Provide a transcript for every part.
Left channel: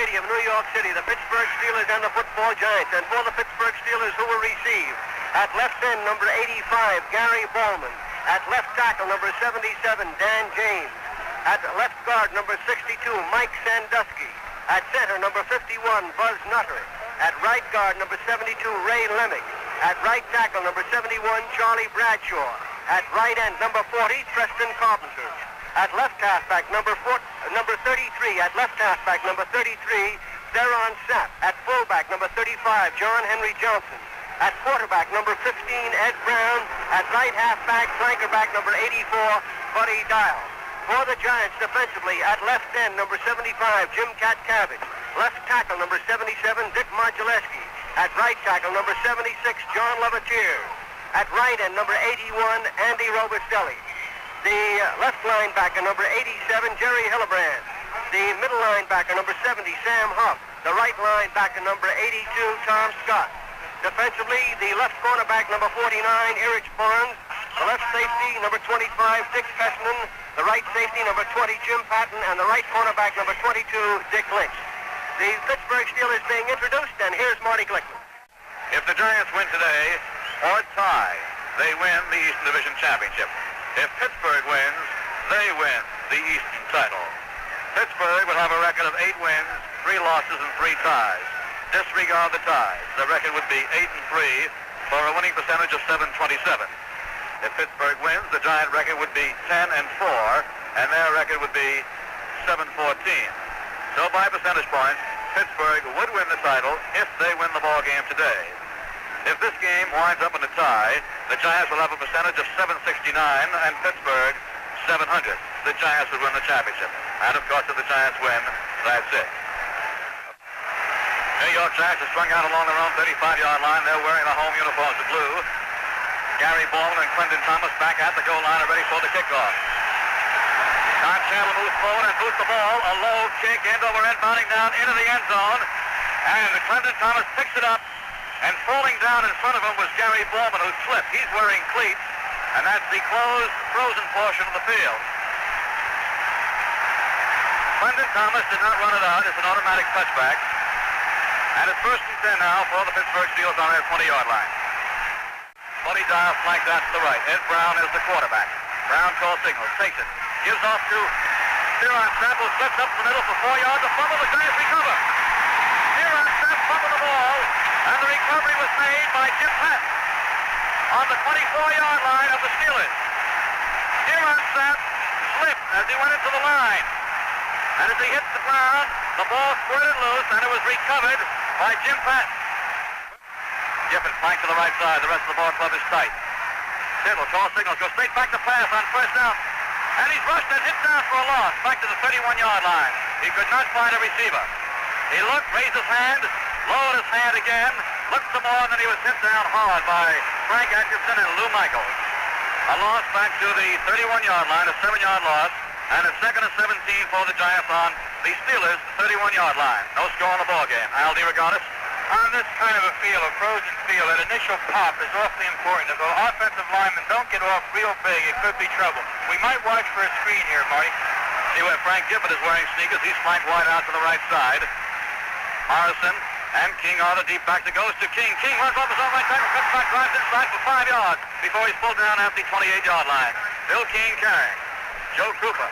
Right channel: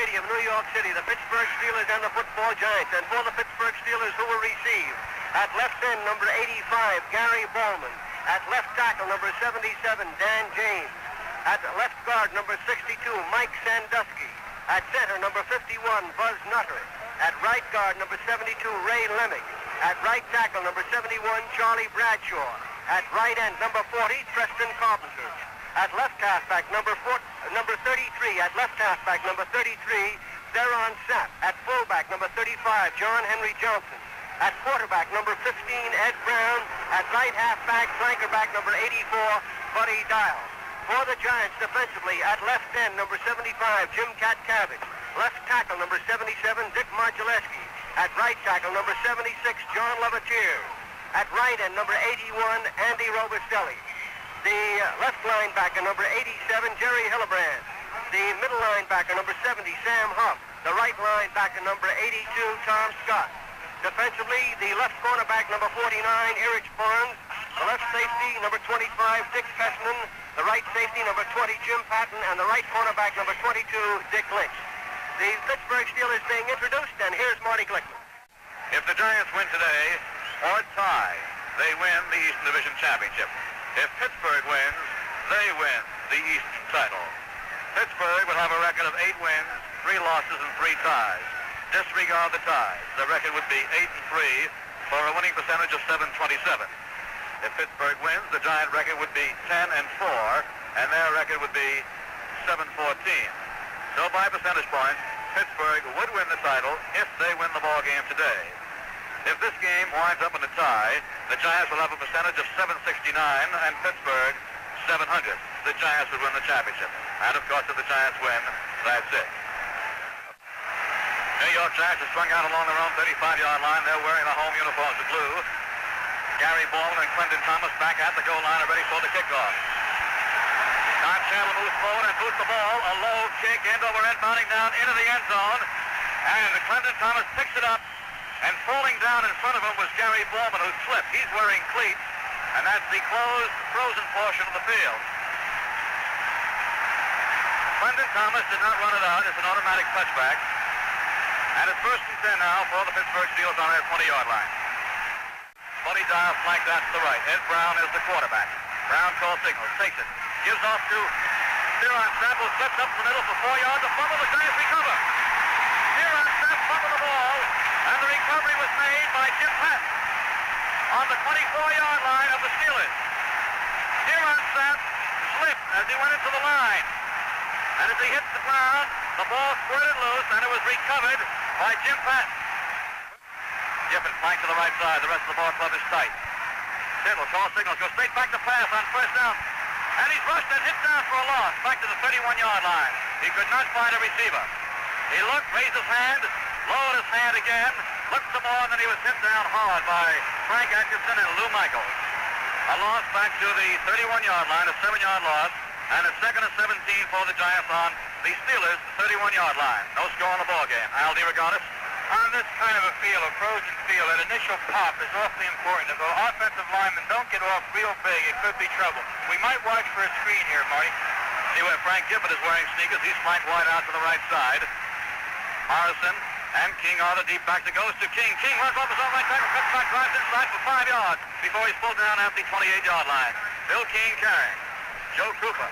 Stadium, New York City, the Pittsburgh Steelers and the football Giants. And for the Pittsburgh Steelers, who will receive at left end, number 85, Gary Ballman. At left tackle, number 77, Dan James. At left guard, number 62, Mike Sandusky. At center, number 51, Buzz Nutter. At right guard, number 72, Ray Lemick. At right tackle, number 71, Charlie Bradshaw. At right end, number 40, Preston Carpenter. At left halfback, number 33. At left halfback, number 33, Theron Sapp. At fullback, number 35, John Henry Johnson. At quarterback, number 15, Ed Brown. At right halfback, flankerback, number 84, Buddy Dial. For the Giants defensively, at left end, number 75, Jim Cat Cabbage. Left tackle, number 77, Dick Margileski. At right tackle, number 76, John Levatier. At right end, number 81, Andy Robustelli. The left linebacker, number 87, Jerry Hillebrand. The middle linebacker, number 70, Sam Huff. The right linebacker, number 82, Tom Scott. Defensively, the left cornerback, number 49, Erich Barnes. The left safety, number 25, Dick Fessman. The right safety, number 20, Jim Patton. And the right cornerback, number 22, Dick Lynch. The Pittsburgh Steelers being introduced, and here's Marty Glickman. If the Giants win today, or tie, they win the Eastern Division Championship. If Pittsburgh wins, they win the Eastern title. Pittsburgh will have a record of 8 wins, 3 losses, and 3 ties. Disregard the ties. The record would be 8-3 for a winning percentage of .727. If Pittsburgh wins, the Giant record would be 10-4, and their record would be .714. So by percentage points, Pittsburgh would win the title if they win the ball game today. If this game winds up in a tie, the Giants will have a percentage of .769 and Pittsburgh 700. The Giants would win the championship. And of course, if the Giants win, that's it. New York Giants are strung out along their own 35-yard line. They're wearing the home uniforms of blue. Gary Ballman and Clinton Thomas back at the goal line are ready for the kickoff. Don Chandler moves forward and boosts the ball. A low kick, end over end, bounding down into the end zone. And Clinton Thomas picks it up. And falling down in front of him was Gary Ballman, who slipped. He's wearing cleats, and that's the closed, frozen portion of the field. Clinton Thomas did not run it out. It's an automatic touchback. And it's 1st and 10 now for the Pittsburgh Steelers on their 20-yard line. Buddy Dial flanked out to the right. Ed Brown is the quarterback. Brown calls signals, takes it, gives off to Theron Sapp, who slips up the middle for 4 yards. A fumble, the Giants recover. Theron Sapp fumbled the ball, and the recovery was made by Jim Patton on the 24-yard line of the Steelers. Theron Sapp slipped as he went into the line. And as he hit the ground, the ball squirted loose, and it was recovered by Jim Patton. Giffen flanked to the right side. The rest of the ball club is tight. Tittle calls signals, goes straight back to pass on 1st down. And he's rushed and hit down for a loss, back to the 31-yard line. He could not find a receiver. He looked, raised his hand, lowered his hand again, looked some more, and then he was hit down hard by Frank Atkinson and Lou Michaels. A loss back to the 31-yard line, a 7-yard loss, and a 2nd and 17 for the Giants on the Steelers' 31-yard line. No score in the ball game. Al DeRogatis. On this kind of a field, a frozen field, that initial pop is awfully important. If the offensive linemen don't get off real big, it could be trouble. We might watch for a screen here, Marty. See where Frank Gifford is wearing sneakers. He's flanked wide out to the right side. Morrison and King are the deep back that goes to King. King runs off his own right tackle, cuts back, drives inside for 5 yards before he's pulled down at the 28-yard line. Bill King carrying. Joe Krupa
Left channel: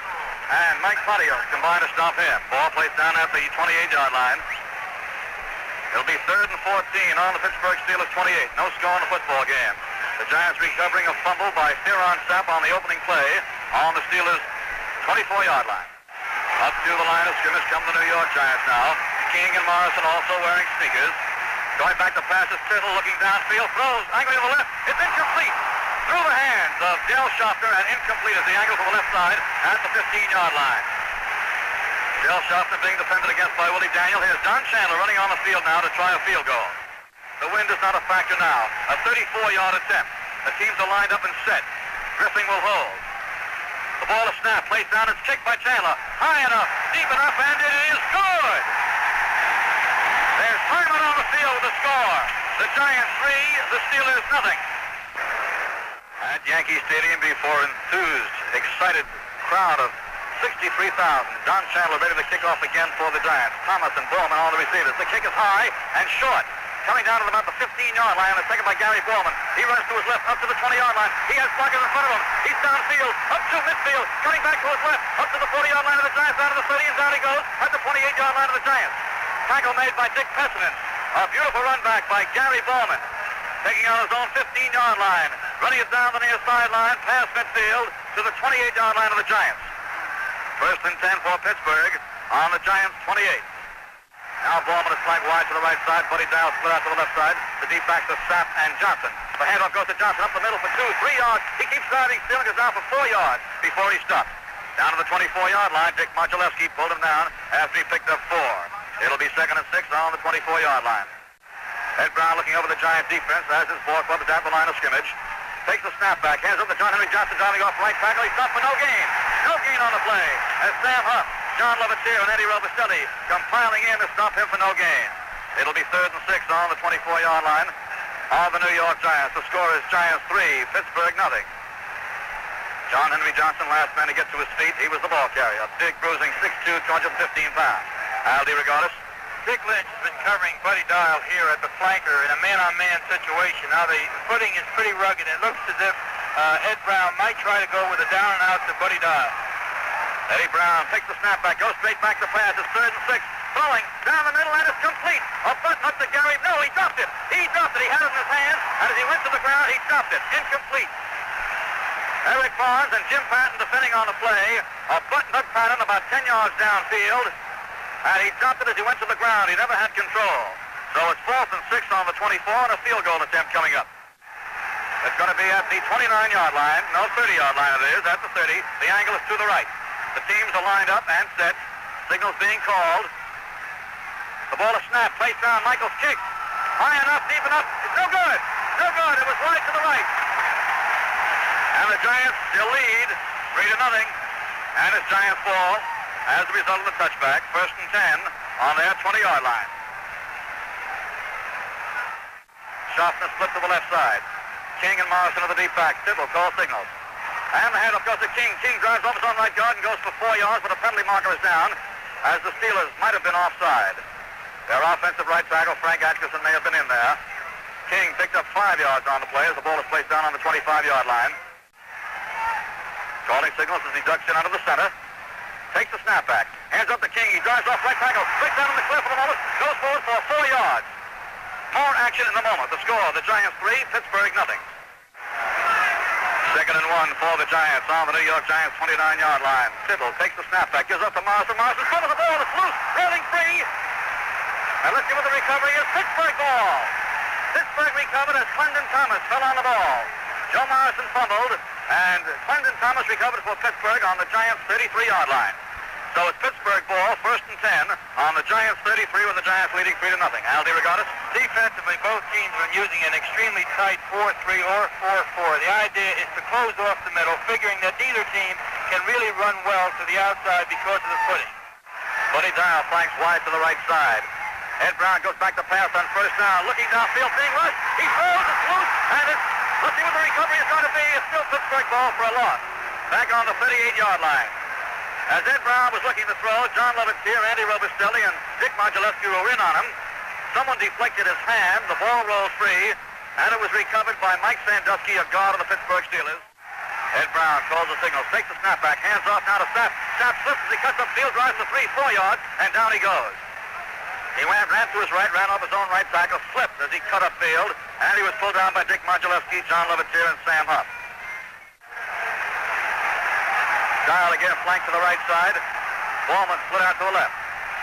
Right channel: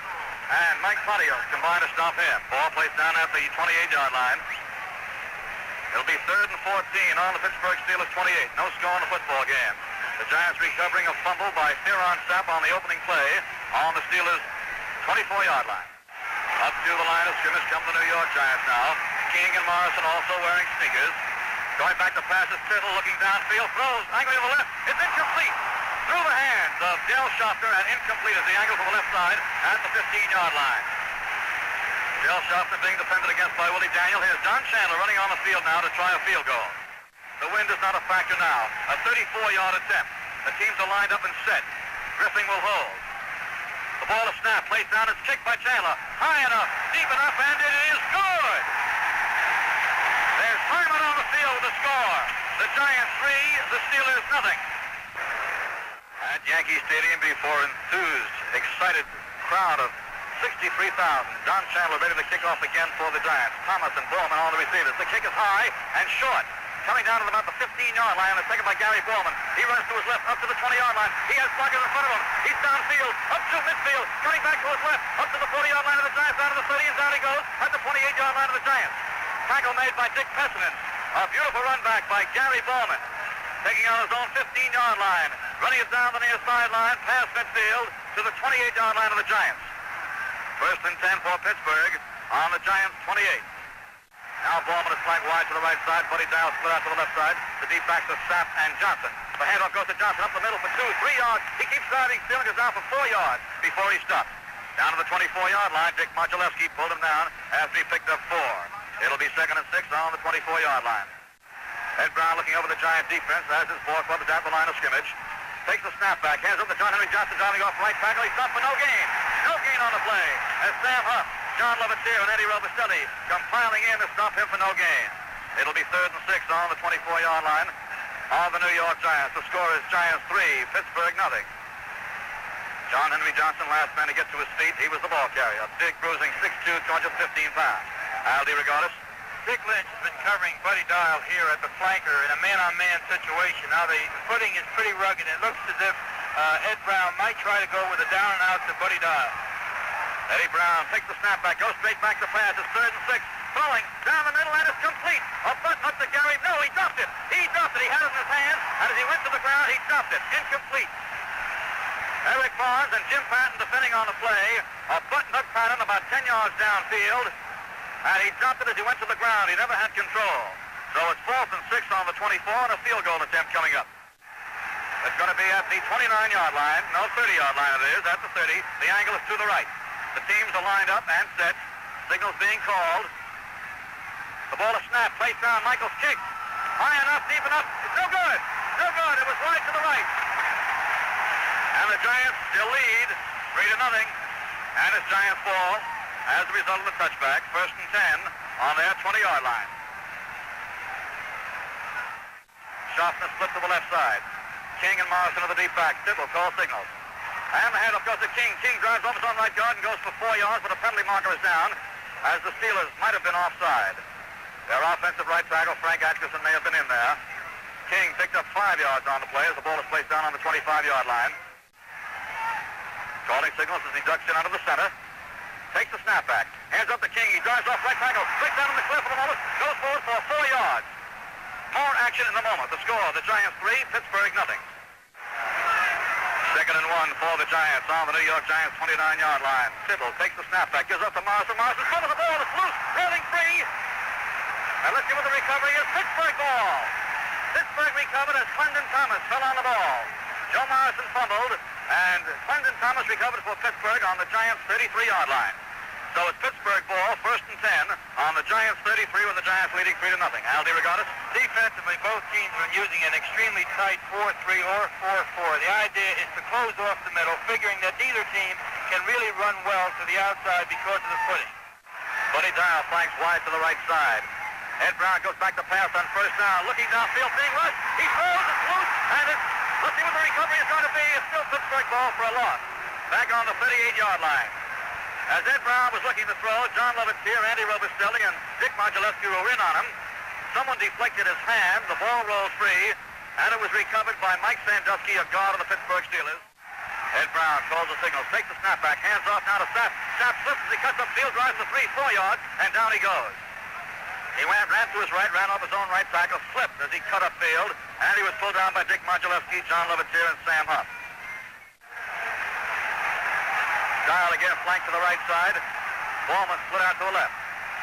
and Mike Patio combine to stop him. Ball placed down at the 28-yard line. It'll be 3rd and 14 on the Pittsburgh Steelers 28. No score in the football game. The Giants recovering a fumble by Theron Sapp on the opening play on the Steelers' 24-yard line. Up to the line of scrimmage come the New York Giants now. King and Morrison also wearing sneakers. Going back to pass is Tittle, looking downfield, throws, angle to the left. It's incomplete. Through the hands of Dale Schaffner, and incomplete as the angle to the left side at the 15-yard line. Dale Schaffner being defended against by Willie Daniel. Here's Don Chandler running on the field now to try a field goal. The wind is not a factor now. A 34-yard attempt. The teams are lined up and set. Griffin will hold. The ball is snapped, placed down, it's kicked by Chandler. High enough, deep enough, and it is good! There's Hyman on the field with the score. The Giants 3, the Steelers nothing. At Yankee Stadium before enthused, excited crowd of 63,000. John Chandler ready to kick off again for the Giants. Thomas and Bowman on the receivers. The kick is high and short. Coming down to about the 15-yard line, and taken by Gary Bowman. He runs to his left, up to the 20-yard line. He has Plunkett in front of him. He's downfield, up to midfield, cutting back to his left, up to the 40-yard line of the Giants, out of the 30, and down he goes at the 28-yard line of the Giants. Tackle made by Dick Pessinen. A beautiful run back by Gary Bowman. Taking on his own 15-yard line. Running it down the near sideline, past midfield, to the 28-yard line of the Giants. First and 10 for Pittsburgh on the Giants' 28. Now Bowman is flanked wide to the right side. Buddy Dow split out to the left side. The deep backs are Sapp and Johnson. The handoff goes to Johnson up the middle for 2, 3 yards. He keeps driving, stealing us down for 4 yards before he stopped. Down to the 24-yard line. Dick Modulewski pulled him down after he picked up 4. It'll be 2nd and 6 on the 24-yard line. Ed Brown looking over the Giant defense as his ball club is at the line of scrimmage. Takes the snap back. Hands up to John Henry Johnson driving off right tackle. He's stopped for no gain. No gain on the play. As Sam Huff, John Levitier, and Eddie Robustelli come piling in to stop him for no gain. It'll be 3rd and 6 on the 24-yard line of the New York Giants. The score is Giants 3, Pittsburgh nothing. John Henry Johnson, last man to get to his feet. He was the ball carrier. Big, bruising, 6'2", 215 pounds. Al DeRogatis. Dick Lynch has been covering Buddy Dial here at the flanker in a man-on-man situation. Now the footing is pretty rugged. It looks as if Ed Brown might try to go with a down and out to Buddy Dial. Eddie Brown takes the snap back, goes straight back to pass. It's 3rd and 6. Throwing down the middle, and it's complete. A button up to Gary. No, he dropped it. He dropped it. He had it in his hand, and as he went to the ground, he dropped it. Incomplete. Eric Barnes and Jim Patton defending on the play. A button-up pattern about 10 yards downfield. And he dropped it as he went to the ground. He never had control. So it's 4th and 6 on the 24 and a field goal attempt coming up. It's going to be at the 29-yard line. No, 30-yard line it is. At the 30. The angle is to the right. The teams are lined up and set. Signals being called. The ball is snapped. Placed down. Michael's kick. High enough, deep enough. It's no good. No good. It was wide to the right. And the Giants still lead 3-0. And it's Giants ball as a result of the touchback. 1st and 10 on their 20-yard line. Schaffner split to the left side. King and Morrison are the deep backs. Tittle call signals. And the handoff goes to King. King drives off his own right guard and goes for 4 yards, but the penalty marker is down, as the Steelers might have been offside. Their offensive right tackle, Frank Atkinson, may have been in there. King picked up 5 yards on the play as the ball is placed down on the 25-yard line. Calling signals as he ducks in under the center. Takes the snap back. Hands up to King. He drives off right tackle. Straight down in the cliff for the moment. Goes forward for 4 yards. More action in the moment. The score, the Giants 3, Pittsburgh nothing. 2nd and 1 for the Giants on the New York Giants 29-yard line. Tittle takes the snap back. Gives up to Morrison. Morrison fumbles the ball. It's loose. Rolling free. And let's see what the recovery is. Pittsburgh ball. Pittsburgh recovered as Clendon Thomas fell on the ball. Joe Morrison fumbled, and Clendon Thomas recovered for Pittsburgh on the Giants' 33-yard line. So it's Pittsburgh ball, 1st and 10 on the Giants' 33 with the Giants leading 3-0. Al DeRogatis. Defensively, both teams are using an extremely tight 4-3 or 4-4. The idea is to close off the middle, figuring that neither team can really run well to the outside because of the footing. Buddy Dow flanks wide to the right side. Ed Brown goes back to pass on 1st down. Looking downfield, being rushed. He throws, it's loose, and it's, let's see what the recovery is going to be. It's still Pittsburgh ball for a loss. Back on the 38-yard line. As Ed Brown was looking to throw, John Levitier, Andy Robustelli, and Dick Modulewski were in on him. Someone deflected his hand. The ball rolled free, and it was recovered by Mike Sandusky, a guard of the Pittsburgh Steelers. Ed Brown calls the signal, takes the snap back, hands off now to Sapp. Sapp slips as he cuts up field, drives for 3-4 yards, and down he goes. He ran to his right, ran off his own right tackle, slipped as he cut up field, and he was pulled down by Dick Modulewski, John Levitier, and Sam Huff. Dial again flanked to the right side. Bowman split out to the left.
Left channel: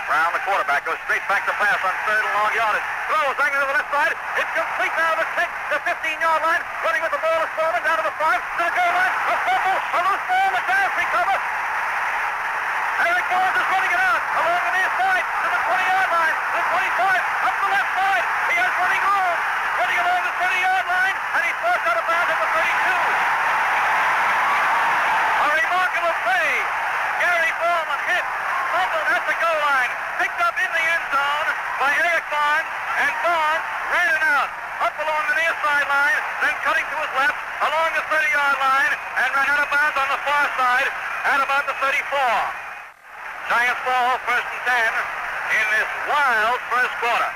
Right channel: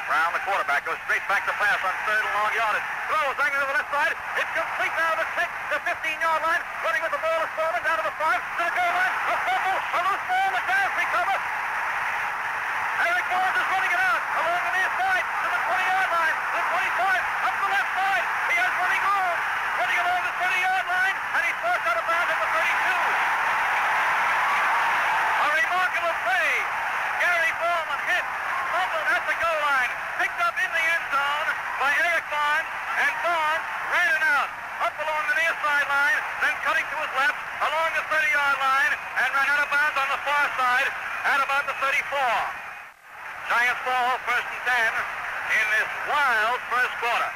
Brown, the quarterback, goes straight back to pass on 3rd and long yardage. Throws angling to the left side. It's complete now to the 6, the 15-yard line. Running with the ball is Bowman down to the 5, to the goal line. A fumble, a loose ball, the Giants recover. Eric Barnes is running it out along the near side to the 20-yard line, to the 25, up the left side. He has running room, running along the 30-yard line, and he's forced out of bounds at the 32. A remarkable play. Gary Bowman hit, fumbled at the goal line, picked up in the end zone by Eric Barnes, and Barnes ran it out. pass. Up along the near sideline, then cutting to his left, along the 30-yard line, and ran out of bounds on the far side at about the 34. Giants ball, 1st and 10 in this wild first quarter.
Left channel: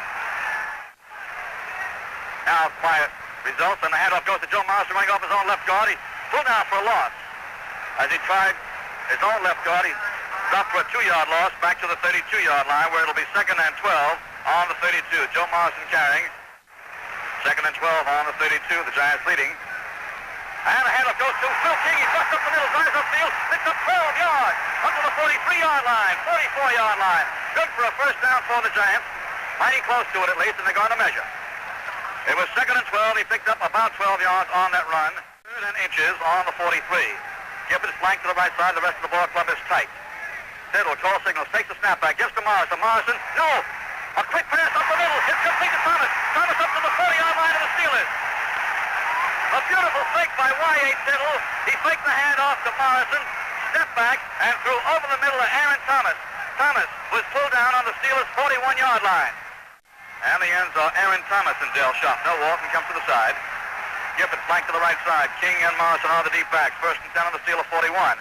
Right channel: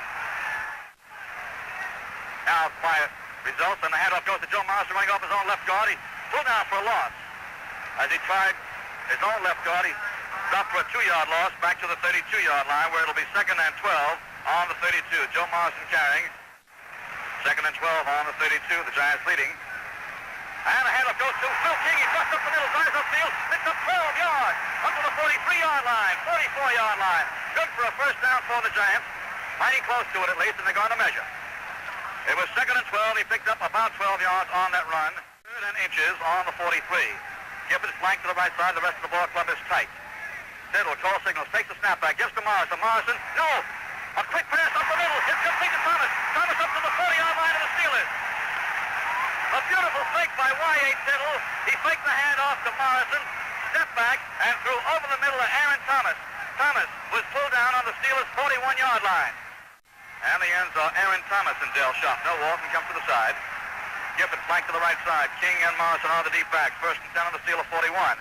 Now quiet results, and the handoff goes to Joe Marston running off his own left guard. He pulled down for a loss. As he tried his own left guard, he stopped for a 2-yard loss back to the 32-yard line, where it'll be 2nd and 12 on the 32. Joe Marston carrying. 2nd and 12 on the 32, the Giants leading. And the handoff goes to Phil King. He ducks up the middle, drives upfield, picks up 12 yards, up to the 43-yard line, 44-yard line. Good for a first down for the Giants. Mighty close to it at least, and they're going to measure. It was 2nd and 12. He picked up about 12 yards on that run. 3rd and inches on the 43. Gibbons flanked to the right side. The rest of the ball club is tight. Tittle, call signals, takes the snapback, gives to Morrison. Morrison, no! A quick pass up the middle. It's complete to Thomas. Thomas up to the 40-yard line of the Steelers. A beautiful fake by Y.A. Tittle. He faked the handoff to Morrison, stepped back, and threw over the middle of Aaron Thomas. Thomas was pulled down on the Steelers' 41-yard line. And the ends are Aaron Thomas and Dale Schaffner. Walton comes to the side. Gibbons flanked to the right side. King and Morrison are the deep backs. 1st and 10 on the Steelers' 41.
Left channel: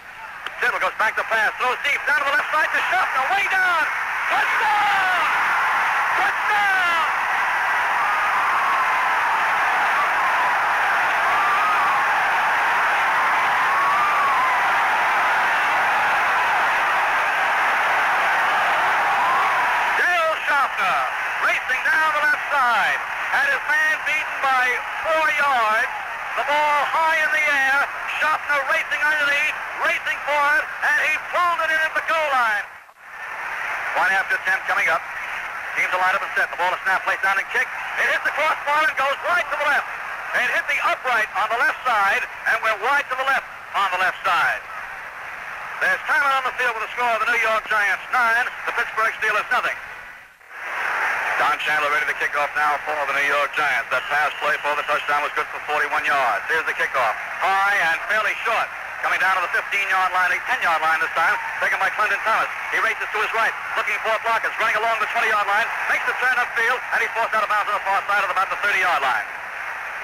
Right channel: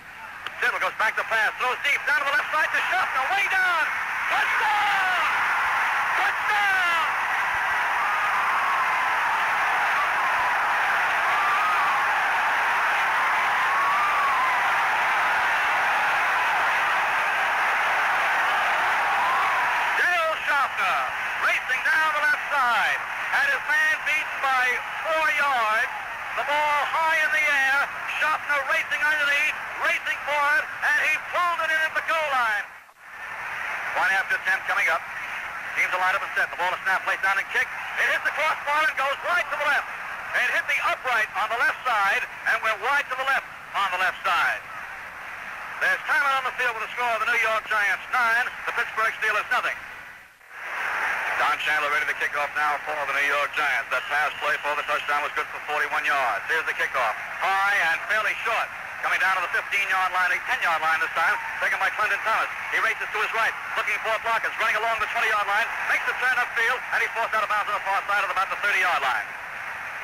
Tittle goes back to pass. Throws deep down to the left side to Schaffner. Way down. Touchdown! Touchdown! Dale Schaffner racing down the left side. Had his man beaten by 4 yards. The ball high in the air. Schaffner racing underneath, racing for it, and he pulled it in at the goal line. 1 after 10 coming up. Teams will line up and set. The ball is snapped, placed down and kicked. It hits the crossbar and goes wide to the left. It hit the upright on the left side and went wide to the left on the left side. There's time out on the field with the score of the New York Giants 9, the Pittsburgh Steelers nothing. Don Chandler ready to kick off now for the New York Giants. That pass play for the touchdown was good for 41 yards. Here's the kickoff. High and fairly short. Coming down to the 15-yard line, a 10-yard line this time. Taken by Clinton Thomas. He races to his right, looking for blockers. Running along the 20-yard line. Makes the turn upfield, and he forced out of bounds on the far side of about the 30-yard line.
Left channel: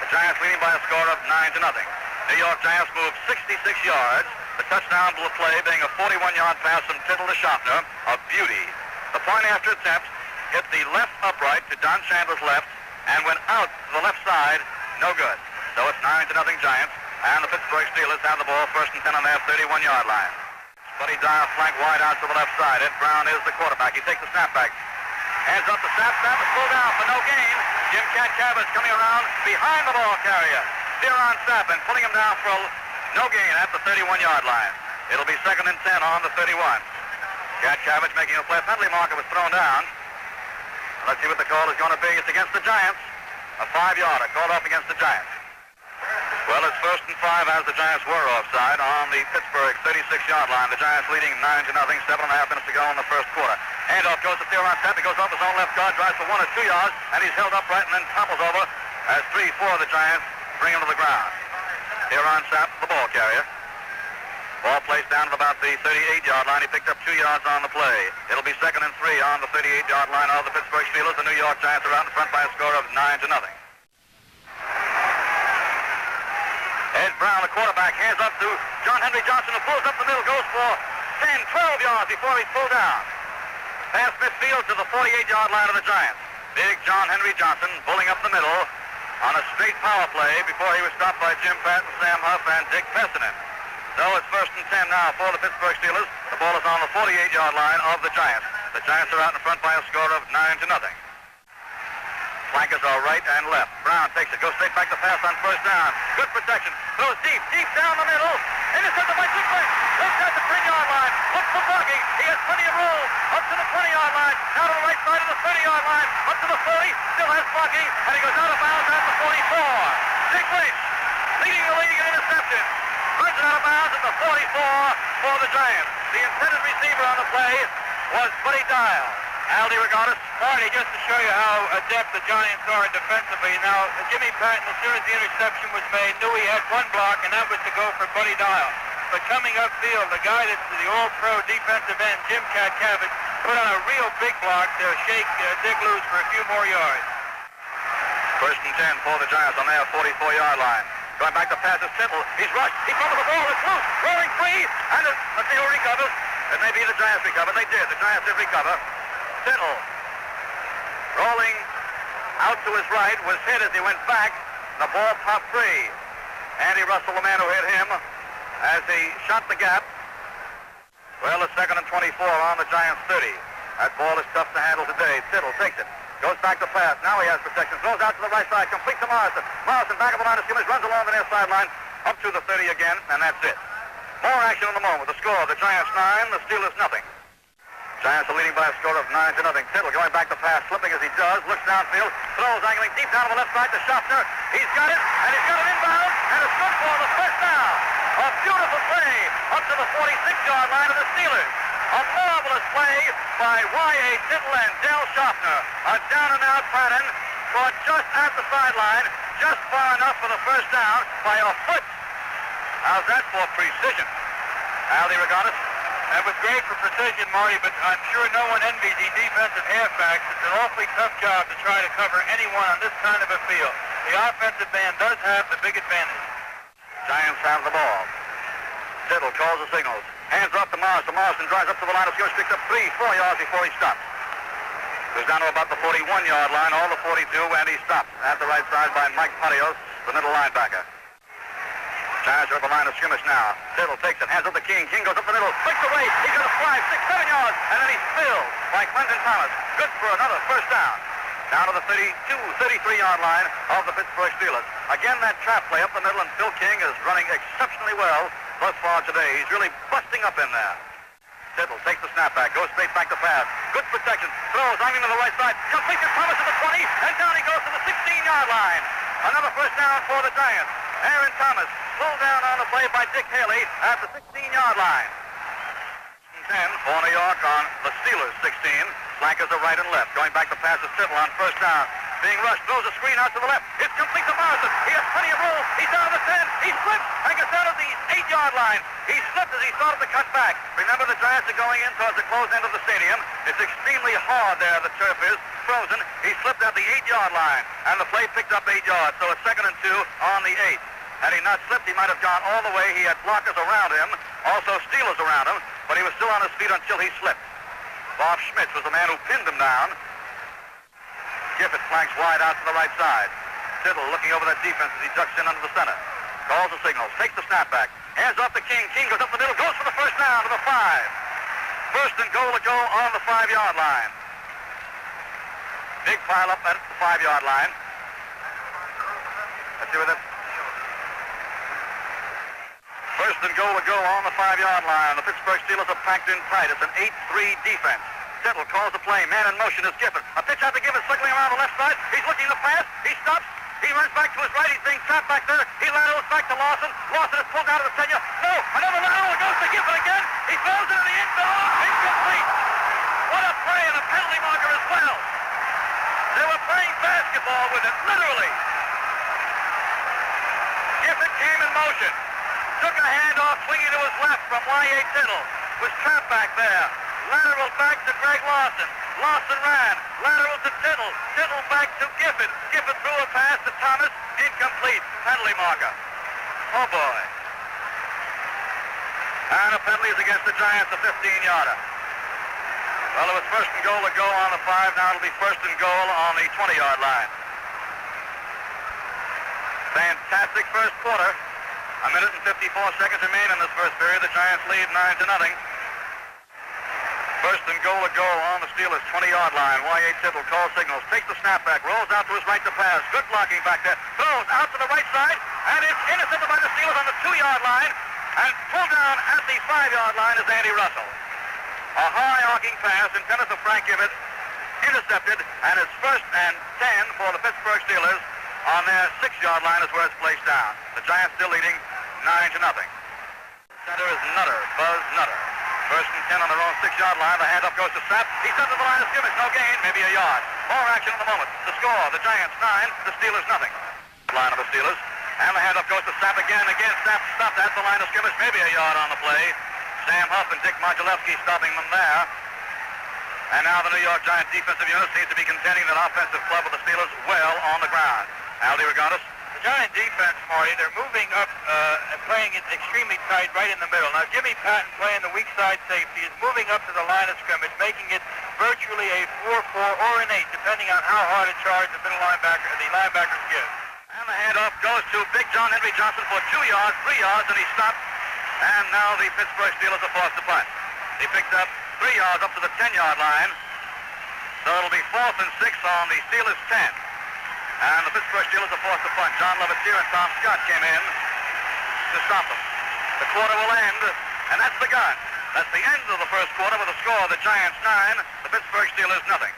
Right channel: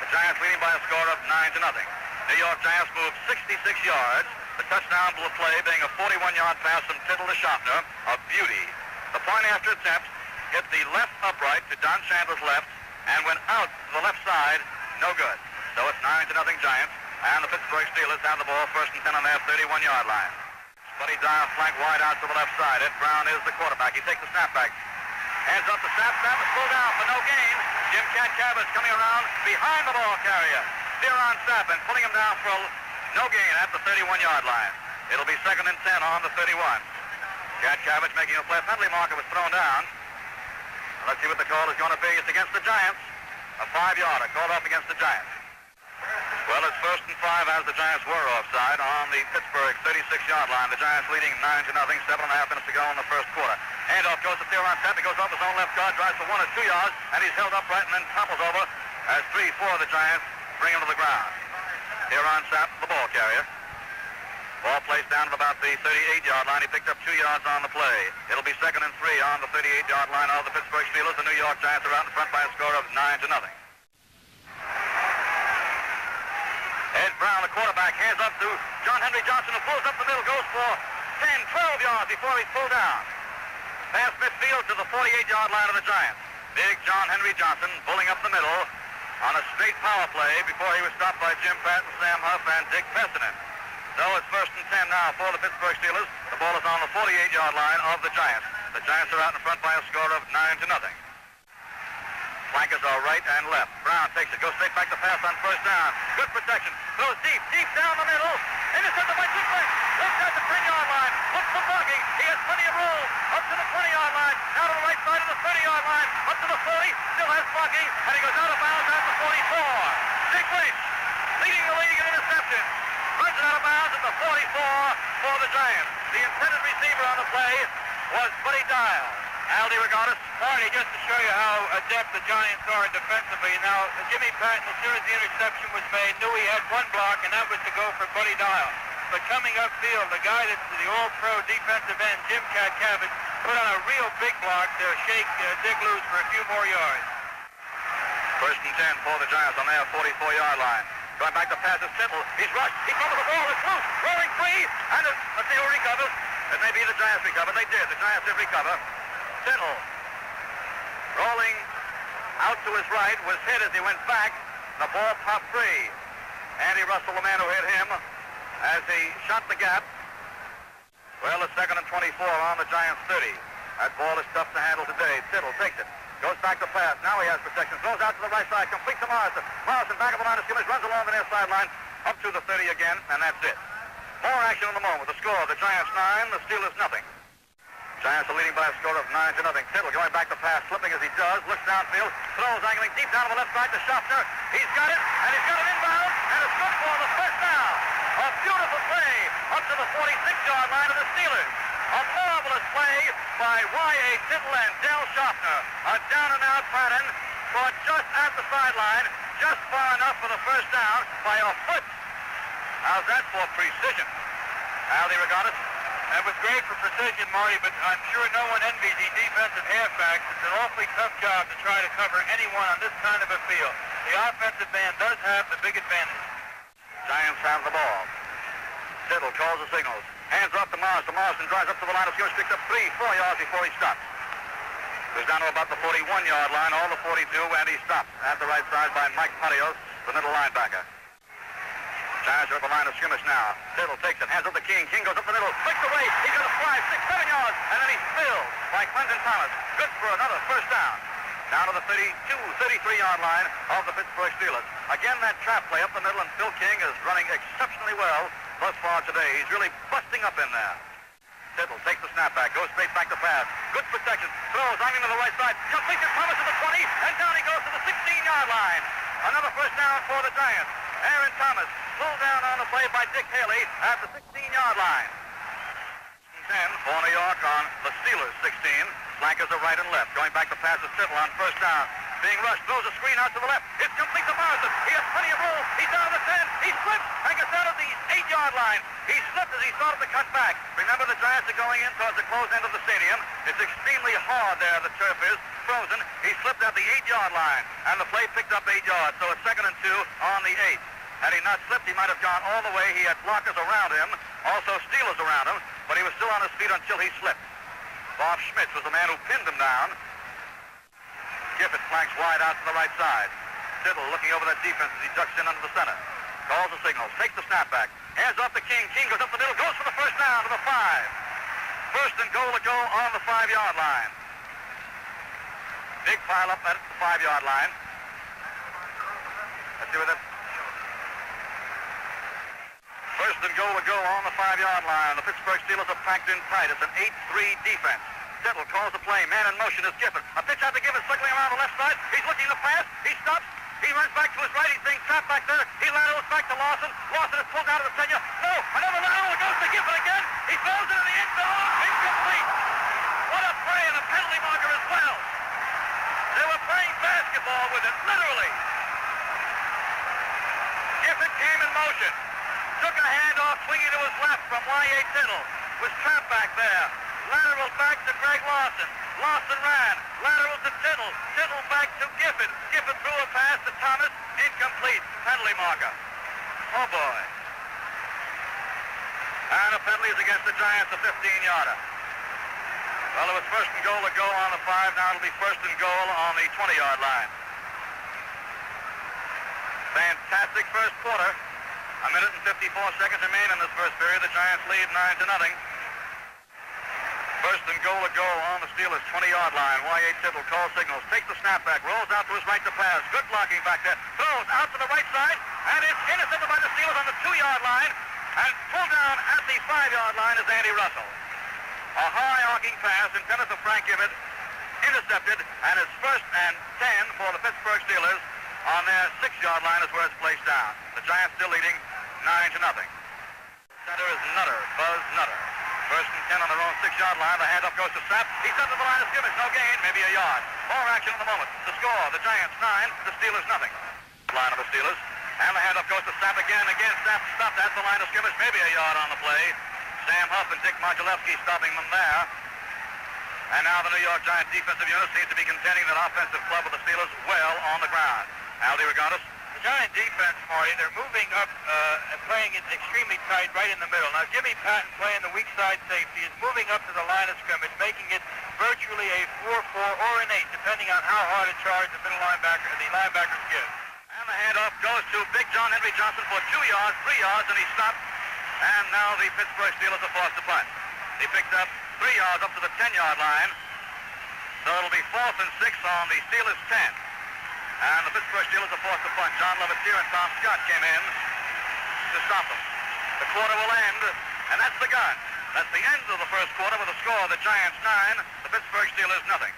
The Giants leading by a score of 9-0. New York Giants moved 66 yards. The touchdown play being a 41-yard pass from Tittle to Schaffner. A beauty. The point after attempt hit the left upright to Don Chandler's left and went out to the left side. No good. So it's 9-0 Giants. And the Pittsburgh Steelers have the ball 1st and 10 on their 31-yard line. Buddy Dial flank wide out to the left side. Ed Brown is the quarterback. He takes the snapback. Hands up the snap. Snap is pulled down for no gain. Jim Catkavage coming around behind the ball carrier. Theron Sappin pulling him down for no gain at the 31-yard line. It'll be 2nd and 10 on the 31. Catkavage making a play. Penalty marker was thrown down. Let's see what the call is going to be. It's against the Giants. A 5-yarder called off against the Giants. Well, it's 1st and 5 as the Giants were offside on the Pittsburgh 36-yard line. The Giants leading 9-0, 7.5 minutes to go in the first quarter. Handoff goes to Theron Sapp. He goes off his own left guard, drives for 1 or 2 yards, and he's held upright and then topples over as 3-4 of the Giants bring him to the ground. Theron Sapp, the ball carrier. Ball placed down at about the 38-yard line. He picked up 2 yards on the play. It'll be 2nd and 3 on the 38-yard line of the Pittsburgh Steelers. The New York Giants are out in front by a score of 9-0. Ed Brown, the quarterback, hands up to John Henry Johnson, who pulls up the middle, goes for 10, 12 yards before he's pulled down. Past midfield to the 48-yard line of the Giants. Big John Henry Johnson pulling up the middle on a straight power play before he was stopped by Jim Patton, Sam Huff, and Dick Pestinen. So it's 1st and 10 now for the Pittsburgh Steelers. The ball is on the 48-yard line of the Giants. The Giants are out in front by a score of 9-0. Flankers are right and left. Brown takes it, goes straight back to pass on 1st down. Good protection. Throws deep down the middle. Intercepted by Deeper. Looks at the 10-yard line. Looks for Berkey. He has plenty of room. Up to the 20-yard line. Now to the right side of the 30-yard line. Up to the 40. Still has blocking. And he goes out of bounds at the 44. Dick Lynch leading the league in interception. Runs out of bounds at the 44 for the Giants. The intended receiver on the play was Buddy Dial. Allie, regardless. Marty, just to show you how adept the Giants are defensively. Now, Jimmy Patton, as soon as the interception was made, knew he had one block, and that was to go for Buddy Dial. But coming upfield, the guy that's the all-pro defensive end, Jim Catkavage, put on a real big block to shake Dick loose for a few more yards. First and 10 for the Giants on their 44-yard line. Going back to pass is Tittle. He's rushed. He fumbled the ball. It's loose. Rolling free. And let's see who recovers. It may be the Giants recover. They did. The Giants did recover. Tittle rolling out to his right, was hit as he went back. The ball popped free. Andy Russell, the man who hit him, as he shot the gap. Well, it's 2nd and 24 on the Giants' 30. That ball is tough to handle today. Tittle takes it. Goes back to pass. Now he has protection. Throws out to the right side. Complete to Morrison. Morrison back of the line of scrimmage. Runs along the near sideline. Up to the 30 again. And that's it. More action in the moment. The score. The Giants 9. The Steelers nothing. Giants are leading by a score of 9-0. Tittle going back to pass. Flipping as he does. Looks downfield. Throws angling deep down on the left side to Schaffner. He's got it. And he's got it inbound. And it's good for the first down. A beautiful play. Up to the 46-yard line of the Steelers. A marvelous play by Y.A. Tittle and Del Schaffner. A down-and-out pattern caught just at the sideline, just far enough for the first down by a foot. How's that for precision? Allie Regatas? That was great for precision, Marty, but I'm sure no one envies the defensive halfbacks. It's an awfully tough job to try to cover anyone on this kind of a field. The offensive man does have the big advantage. Giants have the ball. Tittle calls the signals. Hands are up to Morrison. Morrison drives up to the line of scrimmage, picks up 3-4 yards before he stops. Goes down to about the 41-yard line, all the 42, and he stopped at the right side by Mike Parios, the middle linebacker. Giants are at the line of scrimmage now. Tittle takes it, hands up to King. King goes up the middle, flicks away. He's got a 5, 6, 7 yards, and then he's filled by Clinton Thomas. Good for another first down. Down to the 32, 33-yard line of the Pittsburgh Steelers. Again, that trap play up the middle, and Phil King is running exceptionally well thus far today. He's really busting up in there. Tittle takes the snapback, goes straight back to pass. Good protection. Throws angling to the right side. Completes to Thomas at the 20, and down he goes to the 16-yard line. Another first down for the Giants. Aaron Thomas pulled down on the play by Dick Haley at the 16-yard line. 10 for New York on the Steelers 16. Flankers are right and left. Going back to pass to Tittle on first down. Being rushed, throws a screen out to the left. It's complete to Morrison. He has plenty of room. He's down to the 10. He slips and gets out of the 8-yard line. He slipped as he started to cut back. Remember, the Giants are going in towards the closed end of the stadium. It's extremely hard there. The turf is frozen. He slipped at the 8-yard line, and the play picked up 8 yards. So it's 2nd and 2 on the 8. Had he not slipped, he might have gone all the way. He had blockers around him, also Steelers around him, but he was still on his feet until he slipped. Bob Schmitz was the man who pinned him down. Gifford flanks wide out to the right side. Tittle looking over that defense as he ducks in under the center. Calls the signal. Takes the snapback. Hands off to King. King goes up the middle. Goes for the first down to the 5. First and goal to go on the 5-yard line. Big pile up at the 5-yard line. Let's see what that... First and goal to go on the 5-yard line. The Pittsburgh Steelers are packed in tight. It's an 8-3 defense. Tittle calls the play. Man in motion is Gifford. A pitch out to Gifford, circling around the left side. He's looking to pass. He stops. He runs back to his right. He's being trapped back there. He laterals back to Lawson. Lawson is pulled out of the 10. No, another lateral. It goes to Gifford again. He throws into the end zone. Incomplete. What a play and a penalty marker as well. They were playing basketball with it, literally. Gifford came in motion. Took a handoff, swinging to his left from Y.A. Tittle. Was trapped back there. Lateral back to Greg Lawson. Lawson ran. Lateral to Tittle. Tittle back to Gifford. Gifford threw a pass to Thomas. Incomplete. Penalty marker. Oh, boy. And a penalty is against the Giants, a 15-yarder. Well, it was first and goal to go on the 5. Now it'll be first and goal on the 20-yard line. Fantastic first quarter. 1 minute and 54 seconds remain in this first period. The Giants lead 9-0. First and goal to go on the Steelers' 20-yard line. Y.A. Tittle calls signals, takes the snapback, rolls out to his right to pass. Good blocking back there. Throws out to the right side, and it's intercepted by the Steelers on the 2-yard line. And pulled down at the 5-yard line is Andy Russell. A high arcing pass intended for Frank Gifford. Intercepted, and it's first and 10 for the Pittsburgh Steelers. On their 6-yard line is where it's placed down. The Giants still leading 9-0. Center is Nutter, Buzz Nutter. First and 10 on their own 6-yard line. The handoff goes to Sapp. He's up to the line of scrimmage. No gain, maybe a yard. More action in the moment. The score, the Giants 9, the Steelers nothing. Line of the Steelers. And the handoff goes to Sapp again. Sapp stopped at the line of scrimmage. Maybe a yard on the play. Sam Huff and Dick Modulewski stopping them there. And now the New York Giants defensive unit seems to be contending that offensive club of the Steelers well on the ground. Allie, regardless. The Giant defense, Marty, they're moving up and playing it extremely tight right in the middle. Now, Jimmy Patton, playing the weak side safety, is moving up to the line of scrimmage, making it virtually a 4-4 or an 8, depending on how hard a charge the linebackers give. And the handoff goes to Big John Henry Johnson for 2 yards, 3 yards, and he stopped. And now the Pittsburgh Steelers are forced to punt. He picked up 3 yards up to the 10-yard line. So it'll be 4th and 6 on the Steelers' 10. And the Pittsburgh Steelers are forced to punt. John Levitier and Tom Scott came in to stop them. The quarter will end, and that's the gun. That's the end of the first quarter with a score of the Giants 9, the Pittsburgh Steelers nothing.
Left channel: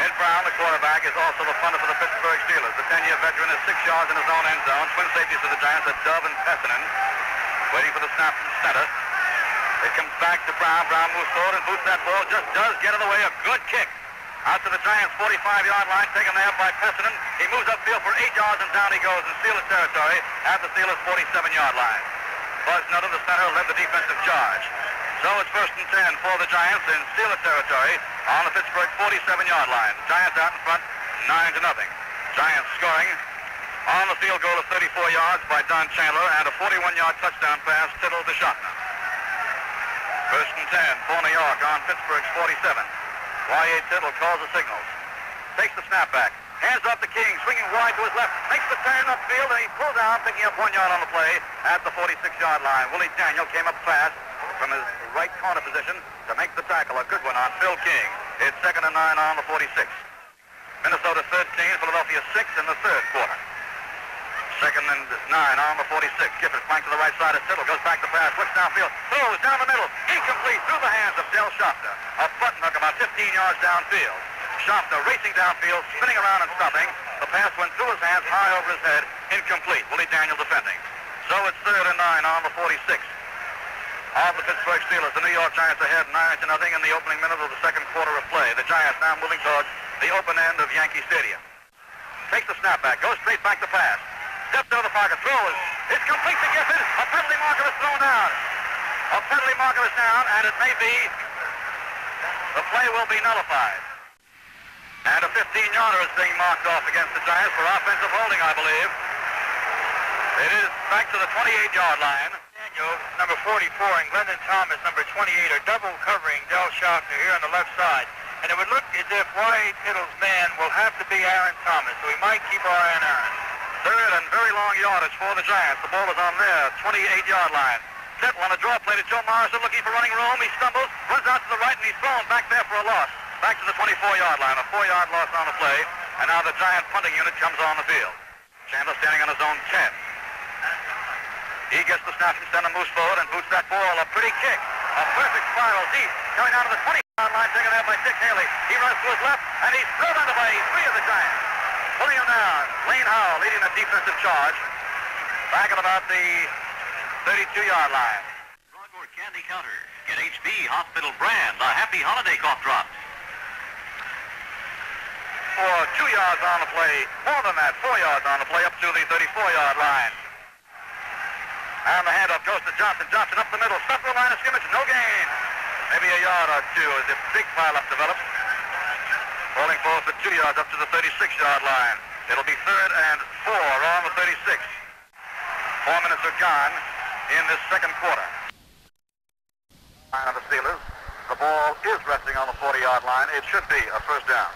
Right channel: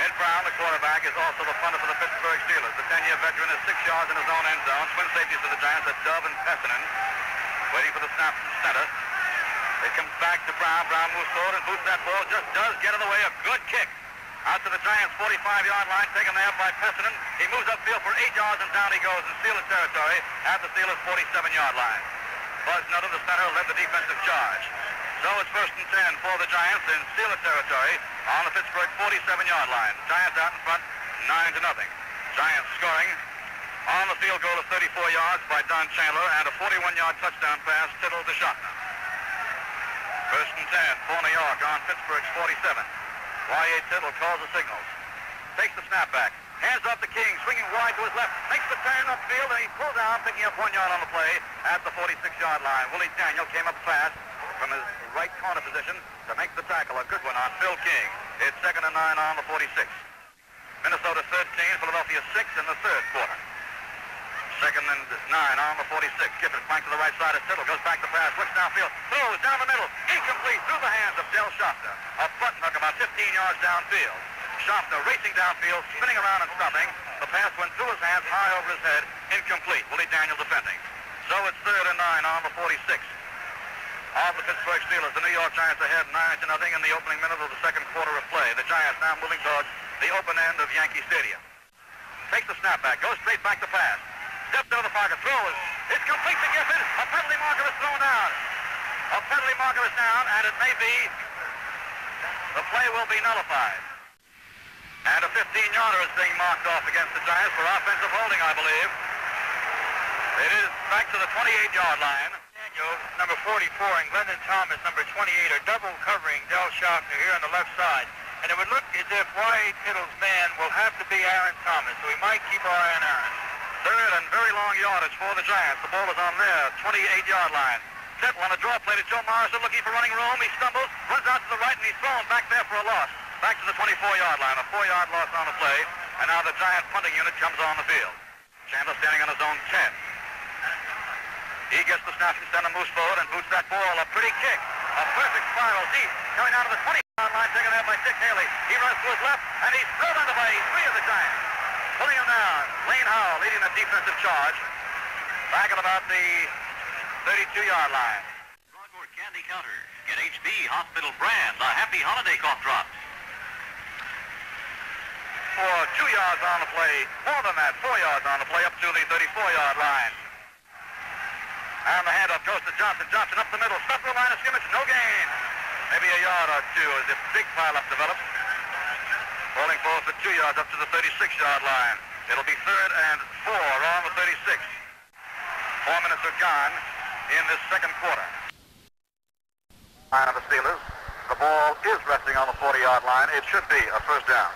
Ed Brown, the quarterback, is also the punter for the Pittsburgh Steelers. The 10-year veteran is 6 yards in his own end zone. Twin safeties for the Giants are Dove and Pessinen, waiting for the snap from center. It comes back to Brown. Brown moves forward and boots that ball. Just does get in the way. A good kick. Out to the Giants' 45-yard line, taken there by Pessinen. He moves upfield for 8 yards, and down he goes in Steelers territory at the Steelers' 47-yard line. Buzz Nutter, the center, led the defensive charge. So it's 1st and 10 for the Giants in Steelers territory on the Pittsburgh 47-yard line. Giants out in front, 9-0. Giants scoring on the field goal of 34 yards by Don Chandler and a 41-yard touchdown pass, Tittle to Schottner. 1st and 10 for New York on Pittsburgh's 47. Y.A. Tittle calls the signals. Takes the snap back. Hands off to King, swinging wide to his left. Makes the turn upfield, and he pulls out, picking up 1 yard on the play at the 46-yard line. Willie Daniel came up fast from his right corner position to make the tackle. A good one on Phil King. It's 2nd and 9 on the 46. Minnesota 13, Philadelphia 6 in the third quarter. 2nd and 9 on the 46. Gifford flanked to the right side of Tittle. Goes back to pass. Looks downfield. Throws down the middle. Incomplete through the hands of Del Schottner. A front hook about 15 yards downfield. Schottner racing downfield, spinning around and stopping. The pass went through his hands, high over his head. Incomplete. Willie Daniel defending. So it's 3rd and 9 on the 46. Of the Pittsburgh Steelers. The New York Giants ahead 9-0 in the opening minute of the second quarter of play. The Giants now moving towards the open end of Yankee Stadium. Takes the snap back. Goes straight back to pass. Steps out of the pocket, throws. It's complete to Gifford. A penalty marker is thrown down. A penalty marker is down, and it may be, the play will be nullified. And a 15-yarder is being marked off against the Giants for offensive holding, I believe. It is back to the 28-yard line. Daniel, number 44, and Glendon Thomas, number 28, are double covering Del Schottner here on the left side. And it would look as if Y.A. Tittle's man will have to be Aaron Thomas, so we might keep our eye on Aaron. 3rd and very long yardage for the Giants. The ball is on their 28-yard line. Tittle on a draw play to Joe Morrison, looking for running room. He stumbles, runs out to the right, and he's thrown back there for a loss. Back to the 24-yard line. A 4-yard loss on the play. And now the Giant punting unit comes on the field. Chandler standing on his own 10. He gets the snap from center, moves forward, and boots that ball. A pretty kick. A perfect spiral deep. Coming out of the 20-yard line, taken there by Dick Haley. He runs to his left, and he's driven away 3 of the Giants. Pulling him down. Lane Howell leading the defensive charge. Back at about the 32-yard line. Drugstore Candy Counter. Get HB Hospital brand, the Happy Holiday Cough Drops. For 2 yards on the play. More than that, 4 yards on the play up to the 34-yard line. And the handoff goes to Johnson. Johnson up the middle. Stuck the line of scrimmage. No gain. Maybe a yard or two as a big pileup develops. Falling forward for 2 yards up to the 36-yard line. It'll be 3rd and 4 on the 36. 4 minutes are gone in this second quarter. Line of the Steelers. The ball is resting on the 40-yard line. It should be a first down.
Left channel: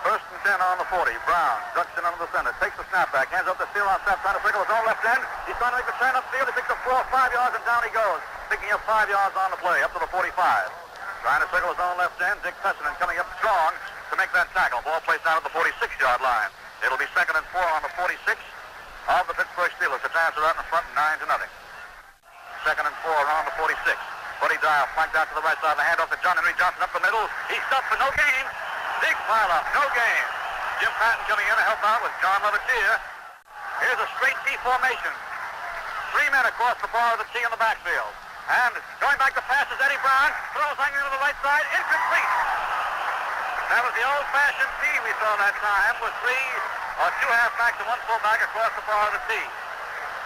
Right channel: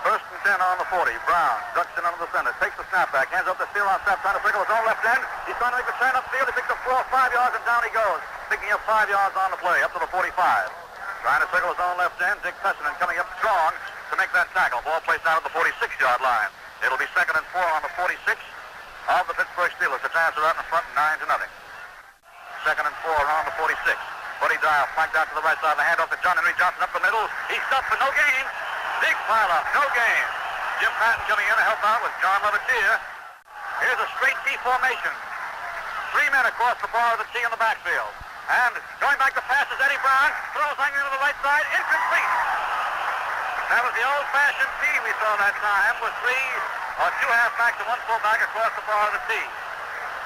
1st and 10 on the 40. Brown ducks in under the center. Takes the snap back. Hands up to Steele on snap. Trying to circle his own left end. He's trying to make the turn upfield. He picks up 4 or 5 yards, and down he goes. Picking up 5 yards on the play. Up to the 45. Trying to circle his own left end. Dick Pessinen coming up strong to make that tackle. Ball placed down at the 46-yard line. It'll be 2nd and 4 on the 46 of the Pittsburgh Steelers. The Giants are out in front 9-0. 2nd and 4 on the 46. Buddy Dial flanked out to the right side. The handoff to John Henry Johnson up the middle. He's stopped for no gain. Big pile up, no gain. Jim Patton coming in to help out with John Levitier. Here's a straight T formation. 3 men across the bar of the T in the backfield. And going back to pass is Eddie Brown. Throws hanging to the right side. Incomplete. That was the old-fashioned T we saw that time with 3 or 2 halfbacks and 1 fullback across the bar of the T.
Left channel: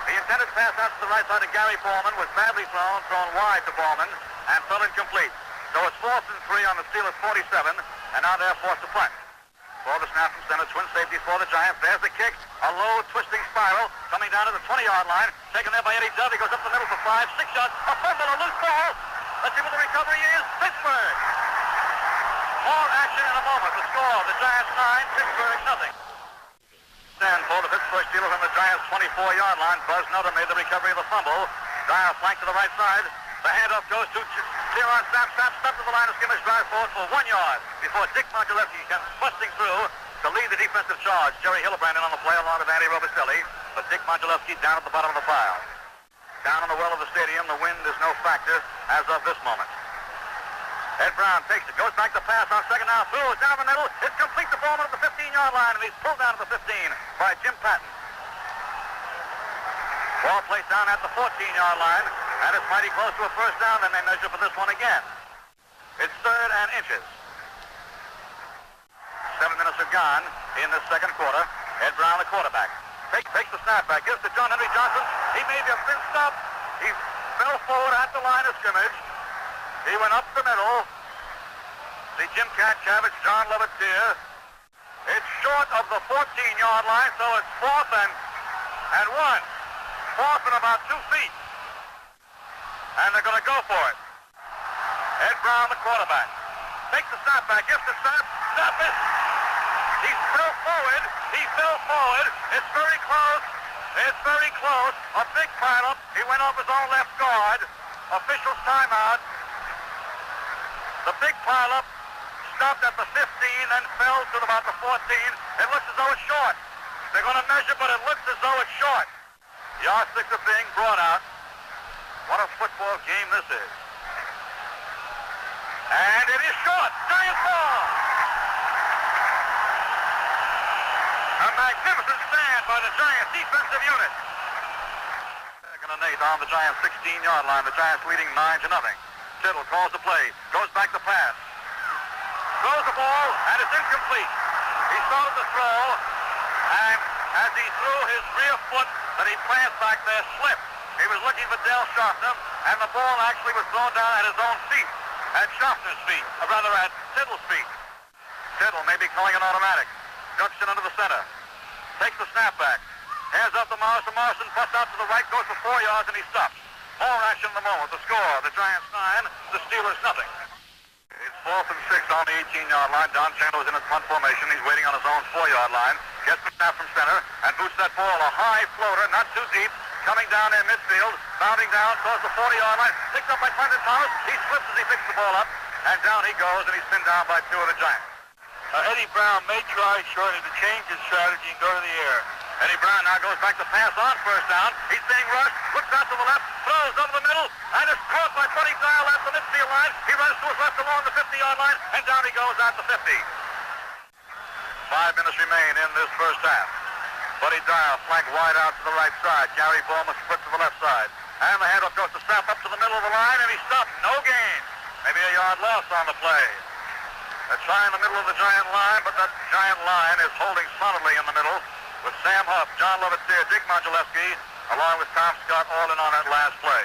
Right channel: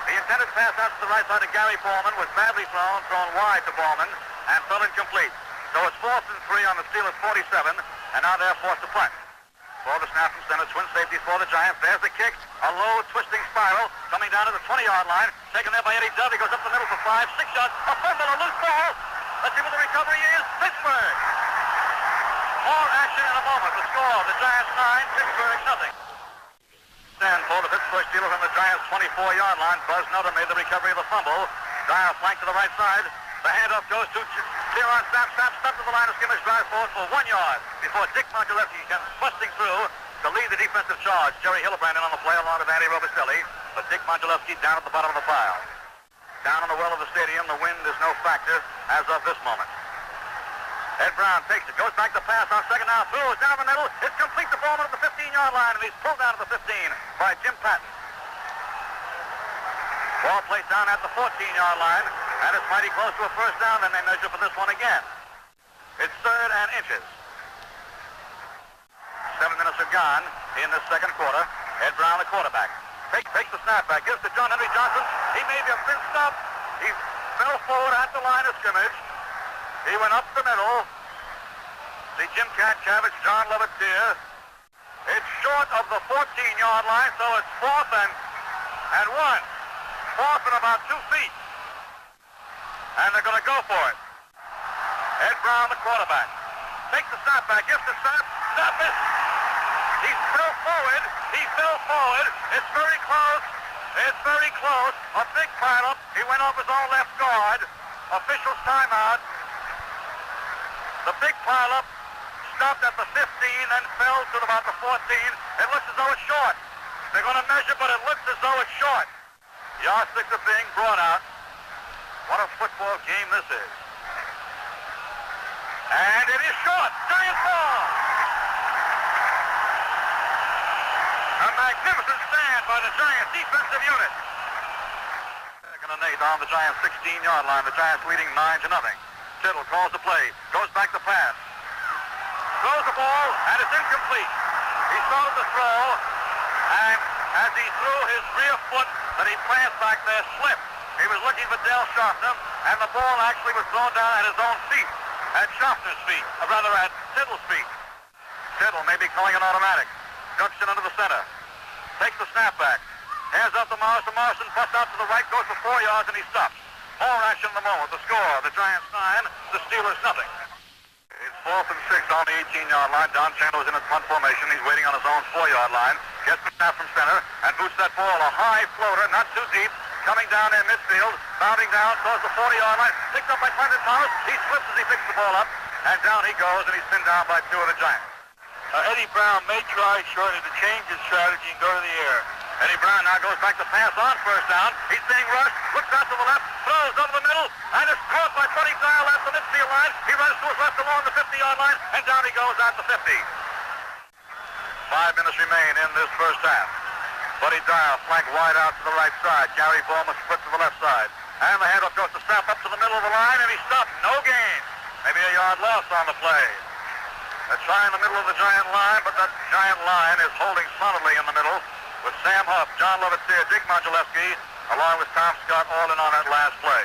The intended pass out to the right side of Gary Ballman was badly thrown wide to Ballman, and fell incomplete. So it's 4th and 3 on the Steelers' 47, and now they're forced to punt. For the snap from center, twin safeties for the Giants. There's the kick, a low twisting spiral coming down to the 20-yard line. Taken there by Eddie Dove. He goes up the middle for 5, 6 yards. A fumble, a loose ball. Let's see what the recovery is. Pittsburgh. More action in a moment. The score, the Giants 9, Pittsburgh nothing. Stand for the Pittsburgh Steelers on the Giants' 24-yard line. Buzz Nutter made the recovery of the fumble. Dial flank to the right side. The handoff goes to Clearon Sapp. Sapp stuck to the line of scrimmage, drive forward for 1 yard before Dick Mongelewski comes busting through to lead the defensive charge. Jerry Hillebrand in on the play along with Andy Robicelli, but Dick Mongelewski down at the bottom of the pile. Down in the well of the stadium, the wind is no factor as of this moment. Ed Brown takes it, goes back to pass on second down, throws down the middle. It's complete to Ballman at the 15-yard line, and he's pulled down to the 15 by Jim Patton. Ball placed down at the 14-yard line, and it's mighty close to a first down, and they measure for this one again. It's 3rd and inches. 7 minutes are gone in the second quarter. Ed Brown, the quarterback, takes the snap back, gives to John Henry Johnson. He may be a big stop. He fell forward at the line of scrimmage. He went up the middle. See Jim Katchavich, John Lovett there. It's short of the 14-yard line, so it's 4th and 1. 4th and about 2 feet. And they're going to go for it. Ed Brown, the quarterback, takes the snap back, gives the snap. Stop it. He fell forward. It's very close. It's very close. A big pileup. He went off his own left guard. Official timeout. The big pileup stopped at the 15 and fell to about the 14. It looks as though it's short. They're going to measure, but it looks as though it's short. Yardsticks are being brought out. What a football game this is. And it is short. Giant ball. A magnificent stand by the Giants defensive unit. Second and 8 on the Giants 16-yard line. The Giants leading 9-0. Tittle calls the play. Goes back to pass. Throws the ball, and it's incomplete. He started the throw, and as he threw his rear foot that he plants back there slipped. He was looking for Del Sharpner, and the ball actually was thrown down at his own feet, at Sharpner's feet, or rather at Tittle's feet. Tittle may be calling an automatic. Ducks it under the center. Takes the snap back. Hands up to Morrison. Morrison busts out to the right, goes for 4 yards, and he stops. More action in the moment. The score, the Giants 9, the Steelers nothing. It's 4th and 6 on the 18-yard line. Don Chandler's in his punt formation. He's waiting on his own 4-yard line. Gets the snap from center and boots that ball. A high floater, not too deep. Coming down in midfield, bounding down towards the 40-yard line. Picked up by Quentin Thomas. He slips as he picks the ball up. And down he goes, and he's pinned down by 2 of the Giants. Eddie Brown may try shortly to change his strategy and go to the air. Eddie Brown now goes back to pass on first down. He's being rushed. Looks out to the left. Throws over the middle. And is caught by Buddy Dial at the midfield line. He runs to his left along the 50-yard line. And down he goes out to 50. 5 minutes remain in this first half. Buddy Dial flanked wide out to the right side. Gary Ballman split to the left side. And the handoff goes to Sapp up to the middle of the line. And he stopped. No gain. Maybe a yard loss on the play. A try in the middle of the Giant line, but that Giant line is holding solidly in the middle with Sam Huff, John Lovett there, Dick Mongelewski, along with Tom Scott, all in on that last play.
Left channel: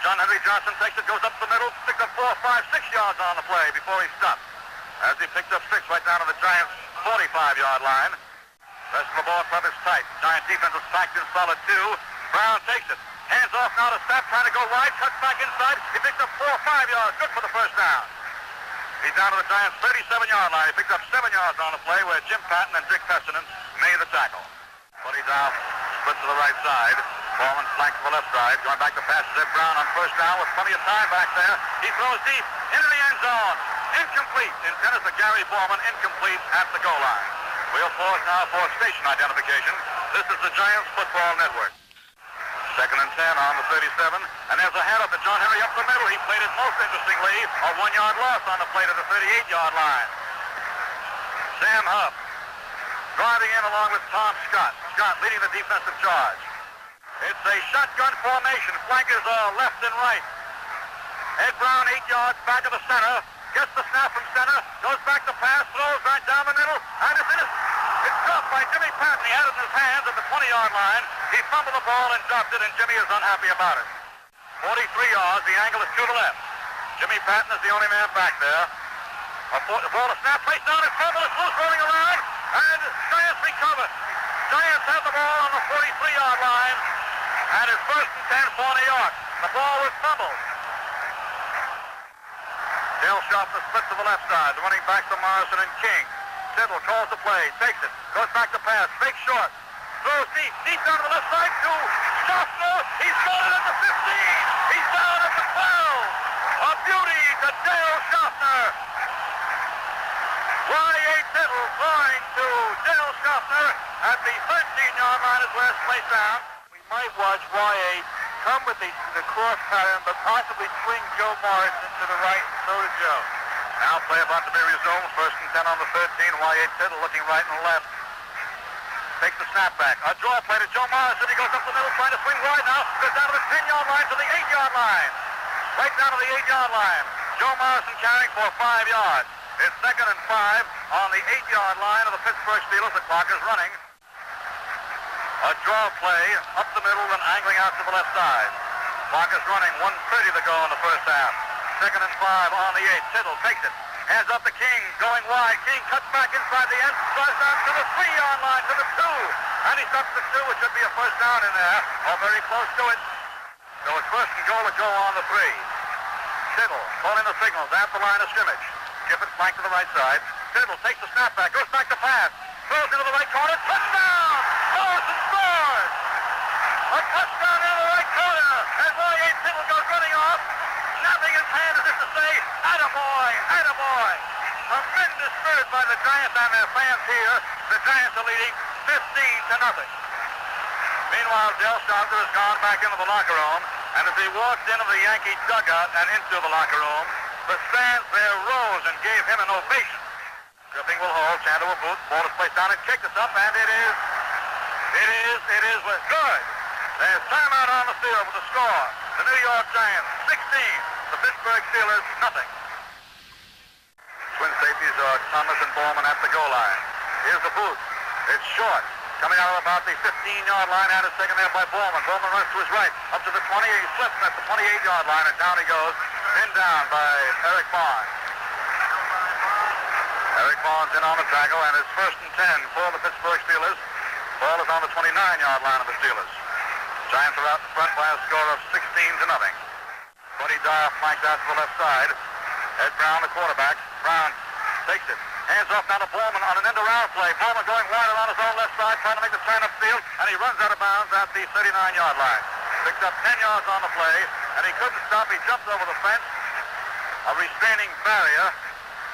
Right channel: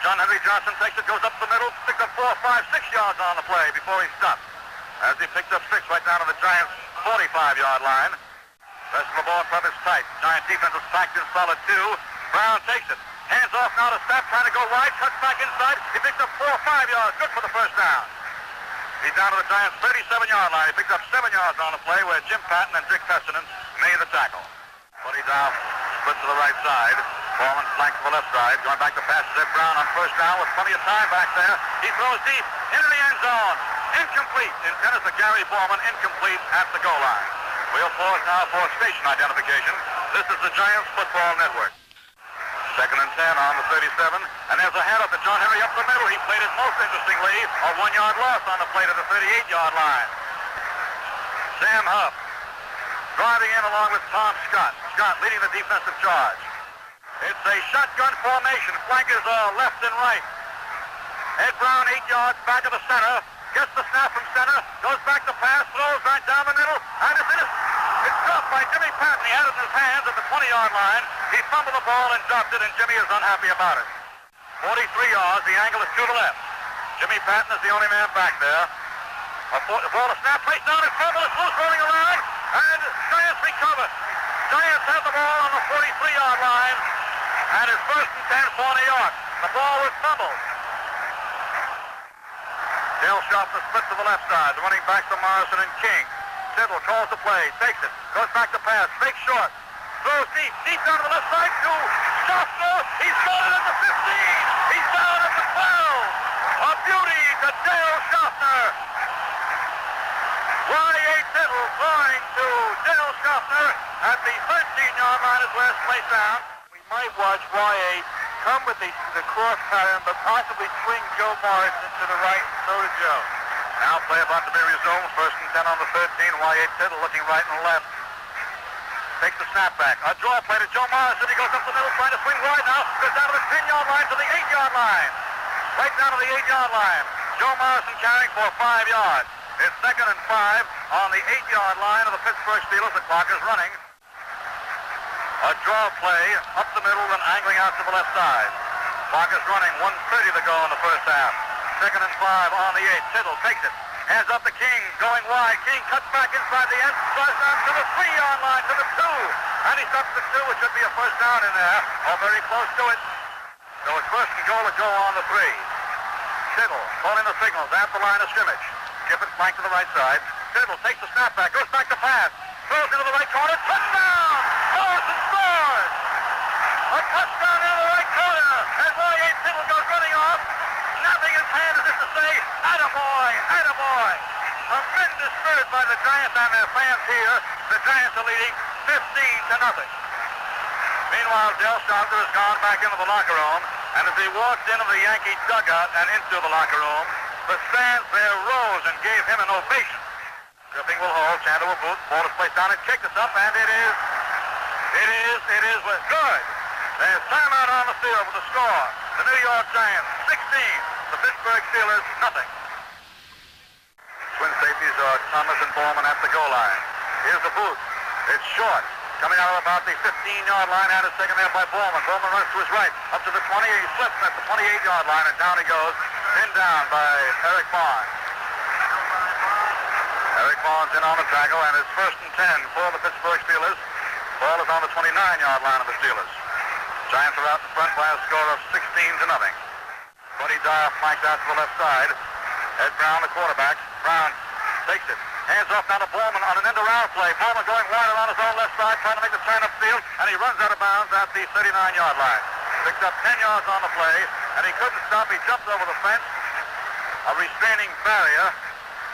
John Henry Johnson takes it, goes up the middle, picked up 4, 5, 6 yards on the play before he stopped. As he picked up 6 right down to the Giants' 45-yard line. Rest of the ball club is tight. Giant defense is packed in solid 2. Brown takes it. Hands off now to Sapp, trying to go wide, cuts back inside. He picks up 4 or 5 yards. Good for the first down. He's down to the Giants' 37-yard line. He picked up 7 yards on the play where Jim Patton and Dick Fessenden made the tackle. Buddy Dial split to the right side. Ballman flanked to the left side. Going back to pass to Ed Brown on first down with plenty of time back there. He throws deep into the end zone. Incomplete. Intended for Gary Ballman. Incomplete at the goal line. We'll pause now for station identification. This is the Giants Football Network. 2nd and 10 on the 37. And there's a handoff to John Henry up the middle. He played it most interestingly. A 1-yard loss on the play to the 38-yard line. Sam Huff driving in along with Tom Scott. Scott leading the defensive charge. It's a shotgun formation. Flankers are left and right. Ed Brown 8 yards back of the center. Gets the snap from center. Goes back to pass. Throws right down the middle. And it's in it. It's dropped by Jimmy Patton. He had it in his hands at the 20-yard line. He fumbled the ball and dropped it, and Jimmy is unhappy about it. 43 yards. The angle is to the left. Jimmy Patton is the only man back there. The ball is snapped, placed down, and fumble is loose, rolling around, and Giants recover. Giants have the ball on the 43-yard line, and it's first and 10 for New York. The ball was fumbled. Dale Sharpner split to the left side. The running back from Morrison and King. Tittle calls the play, takes it, goes back to pass, fake short, throws deep down to the left side to Sharpner. He's gone at the 15. He's down at the 12. A beauty to Dale Sharpner. Y.A. Tittle going to Dale Sharpner at the 13-yard line is where it's placed down. We might watch Y.A. come with the cross pattern, but possibly swing Joe Morrison to the right, so to Joe. Now play about to be resumed. First and 10 on the 13. Y.A. Tittle looking right and left. Takes the snap back. A draw play to Joe Morrison. He goes up the middle trying to swing wide now. Goes down to the 10-yard line to the 8-yard line. Right down to the 8-yard line. Joe Morrison carrying for 5 yards. It's second and 5 on the 8-yard line of the Pittsburgh Steelers. The clock is running. A draw play up the middle and angling out to the left side. Clock is running. 1:30 to go in the first half. Second and 5 on the 8. Tittle takes it. Hands up to King. Going wide. King cuts back inside the end. Drives down to the 3-yard line, to the 2. And he stops the 2. It should be a first down in there. Or very close to it. So it's first and goal to go on the 3. Tittle calling the signals at the line of scrimmage. Gibbons flank to the right side. Tittle takes the snap back. Goes back to pass. Throws into the right corner. Touchdown! Morrison scores! A touchdown in the right corner. And Y.A. Tittle goes running off. Snapping his hand as if to say, attaboy, attaboy. Tremendous spirit by the Giants and their fans here. The Giants are leading 15-0. Meanwhile, Dale Sharpner has gone back into the locker room, and as he walked into the Yankee dugout and into the locker room, the fans there rose and gave him an ovation. Griffin will hold, Santa will boot, ball is placed down and kicked us up, and it is good. There's timeout on the field with the score. The New York Giants 16, the Pittsburgh Steelers nothing. Twin safeties are Thomas and Bowman at the goal line. Here's the boot. It's short. Coming out of about the 15-yard line, and it's taken there by Bowman. Bowman runs to his right, up to the 20. He slips at the 28-yard line, and down he goes, pinned down by Eric Barnes. Eric Barnes in on the tackle, and it's first and 10 for the Pittsburgh Steelers. Ball is on the 29-yard line of the Steelers. Giants are out in front by a score of 16-0. Buddy Dyer flanked out to the left side. Ed Brown, the quarterback. Brown takes it. Hands off now to Bowman on an end-around play. Bowman going wide on his own left side, trying to make the turn upfield, and he runs out of bounds at the 39-yard line. Picks up 10 yards on the play, and he couldn't stop. He jumped over the fence, a restraining barrier,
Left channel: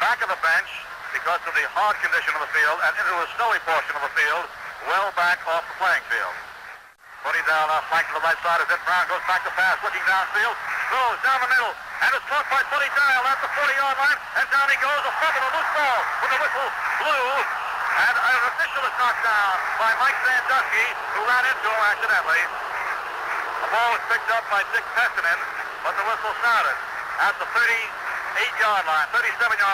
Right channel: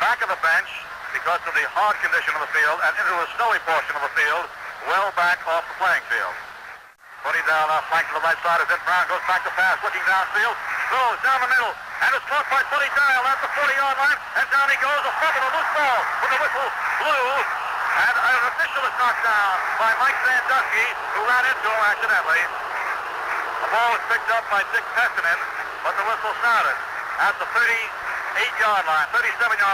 back of the bench because of the hard condition of the field, and into the snowy portion of the field, well back off the playing field. Buddy down now, flank to the right side as Ed Brown goes back to pass, looking downfield, throws down the middle, and it's caught by Buddy Dial at the 40-yard line, and down he goes, a fumble, a loose ball, with the whistle blew, and an official is knocked down by Mike Sandusky, who ran into him accidentally. The ball was picked up by Dick Peskinen, but the whistle sounded at the 37-yard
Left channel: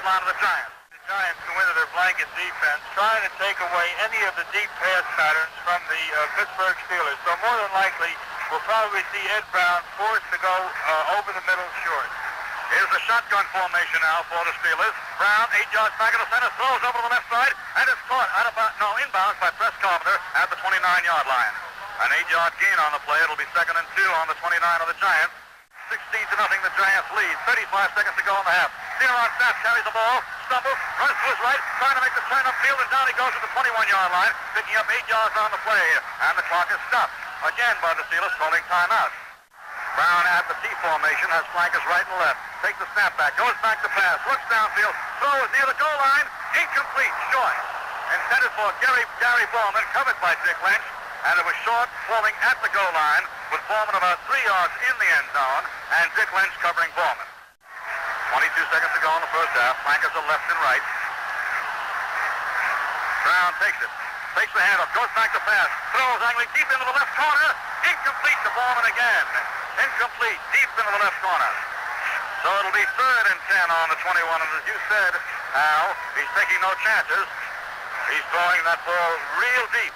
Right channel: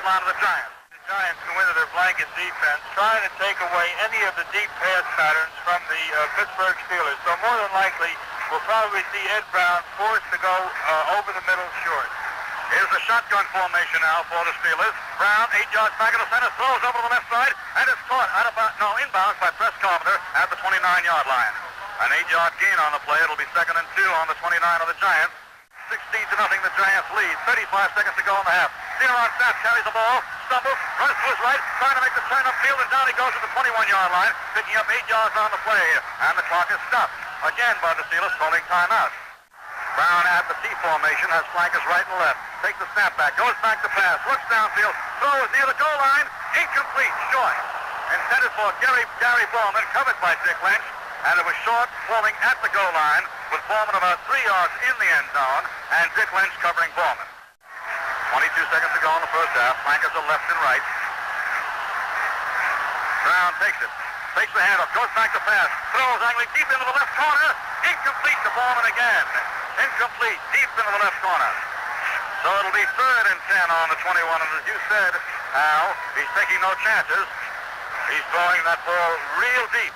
line of the Giants. Giants go into their blanket defense, trying to take away any of the deep pass patterns from the Pittsburgh Steelers. So more than likely, we'll probably see Ed Brown forced to go over the middle short. Here's the shotgun formation now for the Steelers. Brown, 8 yards back in the center, throws over to the left side, and it's caught inbounds by Press Carpenter at the 29-yard line. An 8-yard gain on the play. It'll be 2nd and 2 on the 29 of the Giants. 16-0, the Giants lead. 35 seconds to go in the half. Theron Sapp carries the ball, stumbles, runs to his right, trying to make the turn upfield, and down he goes to the 21-yard line, picking up 8 yards on the play, and the clock is stopped. Again by the Steelers, calling timeout. Brown at the T formation has flankers right and left. Takes the snap back, goes back to pass, looks downfield, throws near the goal line, incomplete, short. Intended for Gary Bowman, covered by Dick Lynch, and it was short, falling at the goal line, with Bowman about 3 yards in the end zone, and Dick Lynch covering Bowman. 22 seconds to go in the first half. Flankers are left and right. Brown takes it. Takes the handoff. Goes back to pass. Throws angling deep into the left corner. Incomplete to Bowman again. Incomplete. Deep into the left corner. So it'll be 3rd and 10 on the 21. And as you said, Al, he's taking no chances. He's throwing that ball real deep.